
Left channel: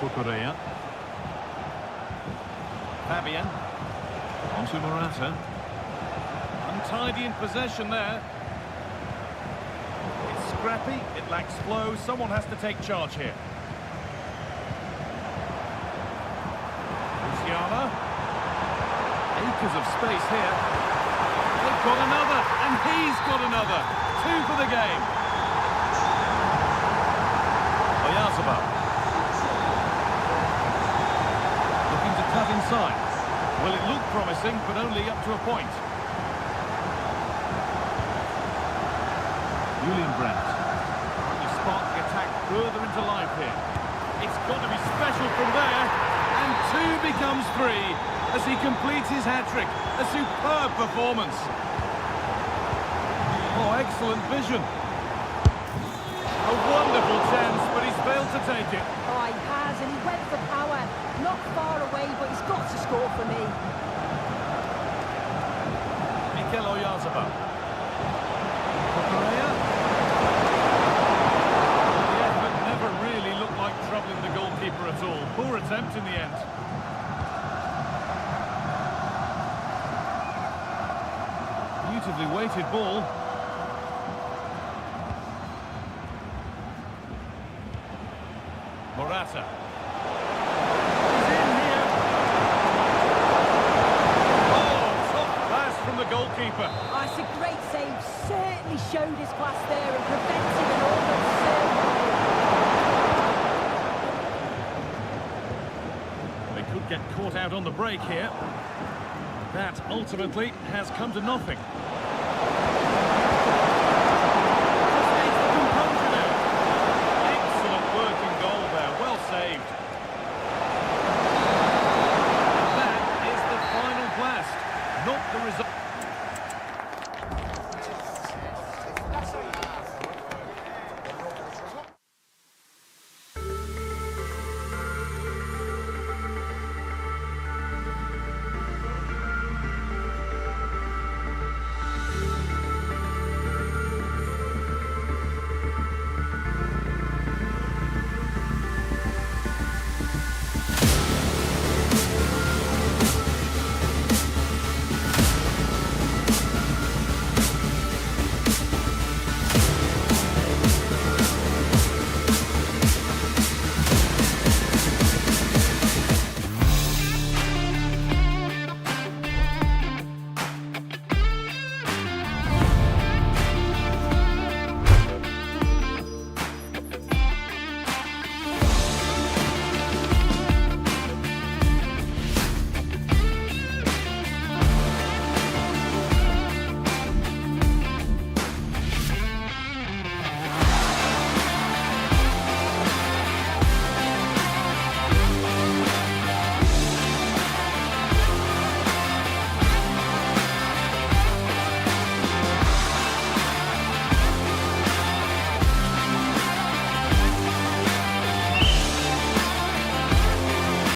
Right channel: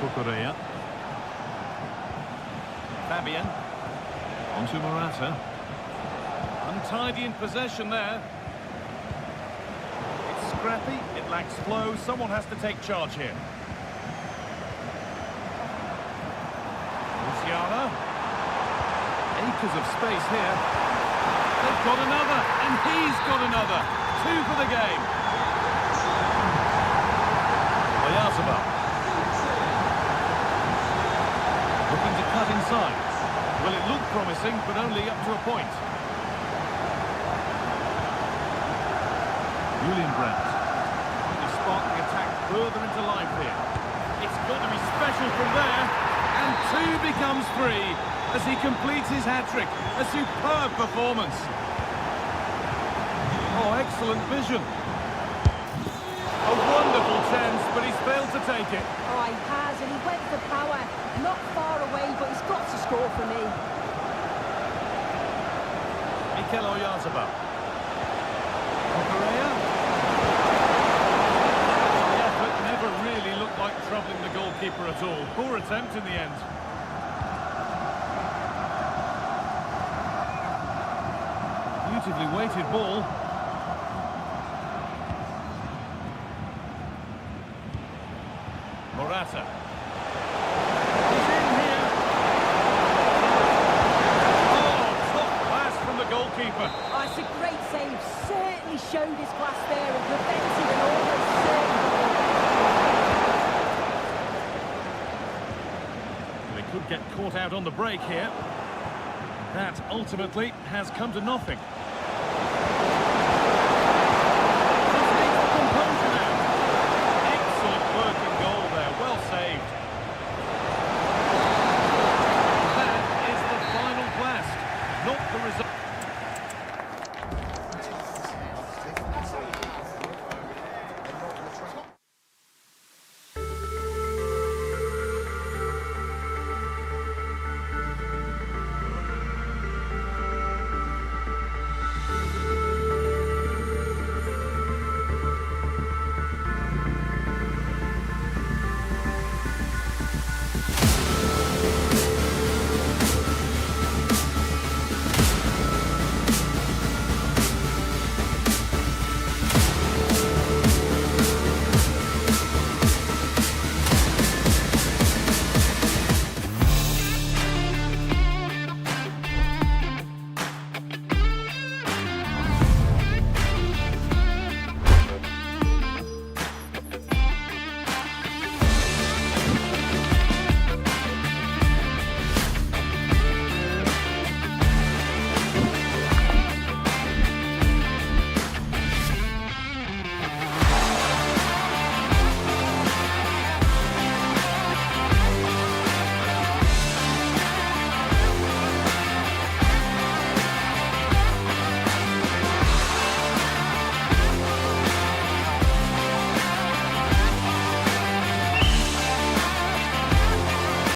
Kukureya. Fabian. On to Morata. Untidy in possession there. It's scrappy, it lacks flow. Someone has to take charge here. Luciana. Acres of space here. They've got another, and he's got another. 2 for the game. Oyarzabal. Looking to cut inside. Well, it looked promising, but only up to a point. Julian Brandt. Trying to spark the attack further into life here. It's got to be special from there. And 2 becomes 3 as he completes his hat-trick. A superb performance. Oh, excellent vision. A wonderful chance, but he's failed to take it. Oh, he has, and he went for power. Not far away, but he's got to score for me. Mikel Oyarzabal. Kukureya. The effort never really looked like troubling the goalkeeper at all. Poor attempt in the end. Beautifully weighted ball. Morata. He's in here. Oh, top pass from the goalkeeper. Oh, it's a great save. Certainly showed his class there and prevented an almost certain goal. could get caught out on the break here. That ultimately has come to nothing.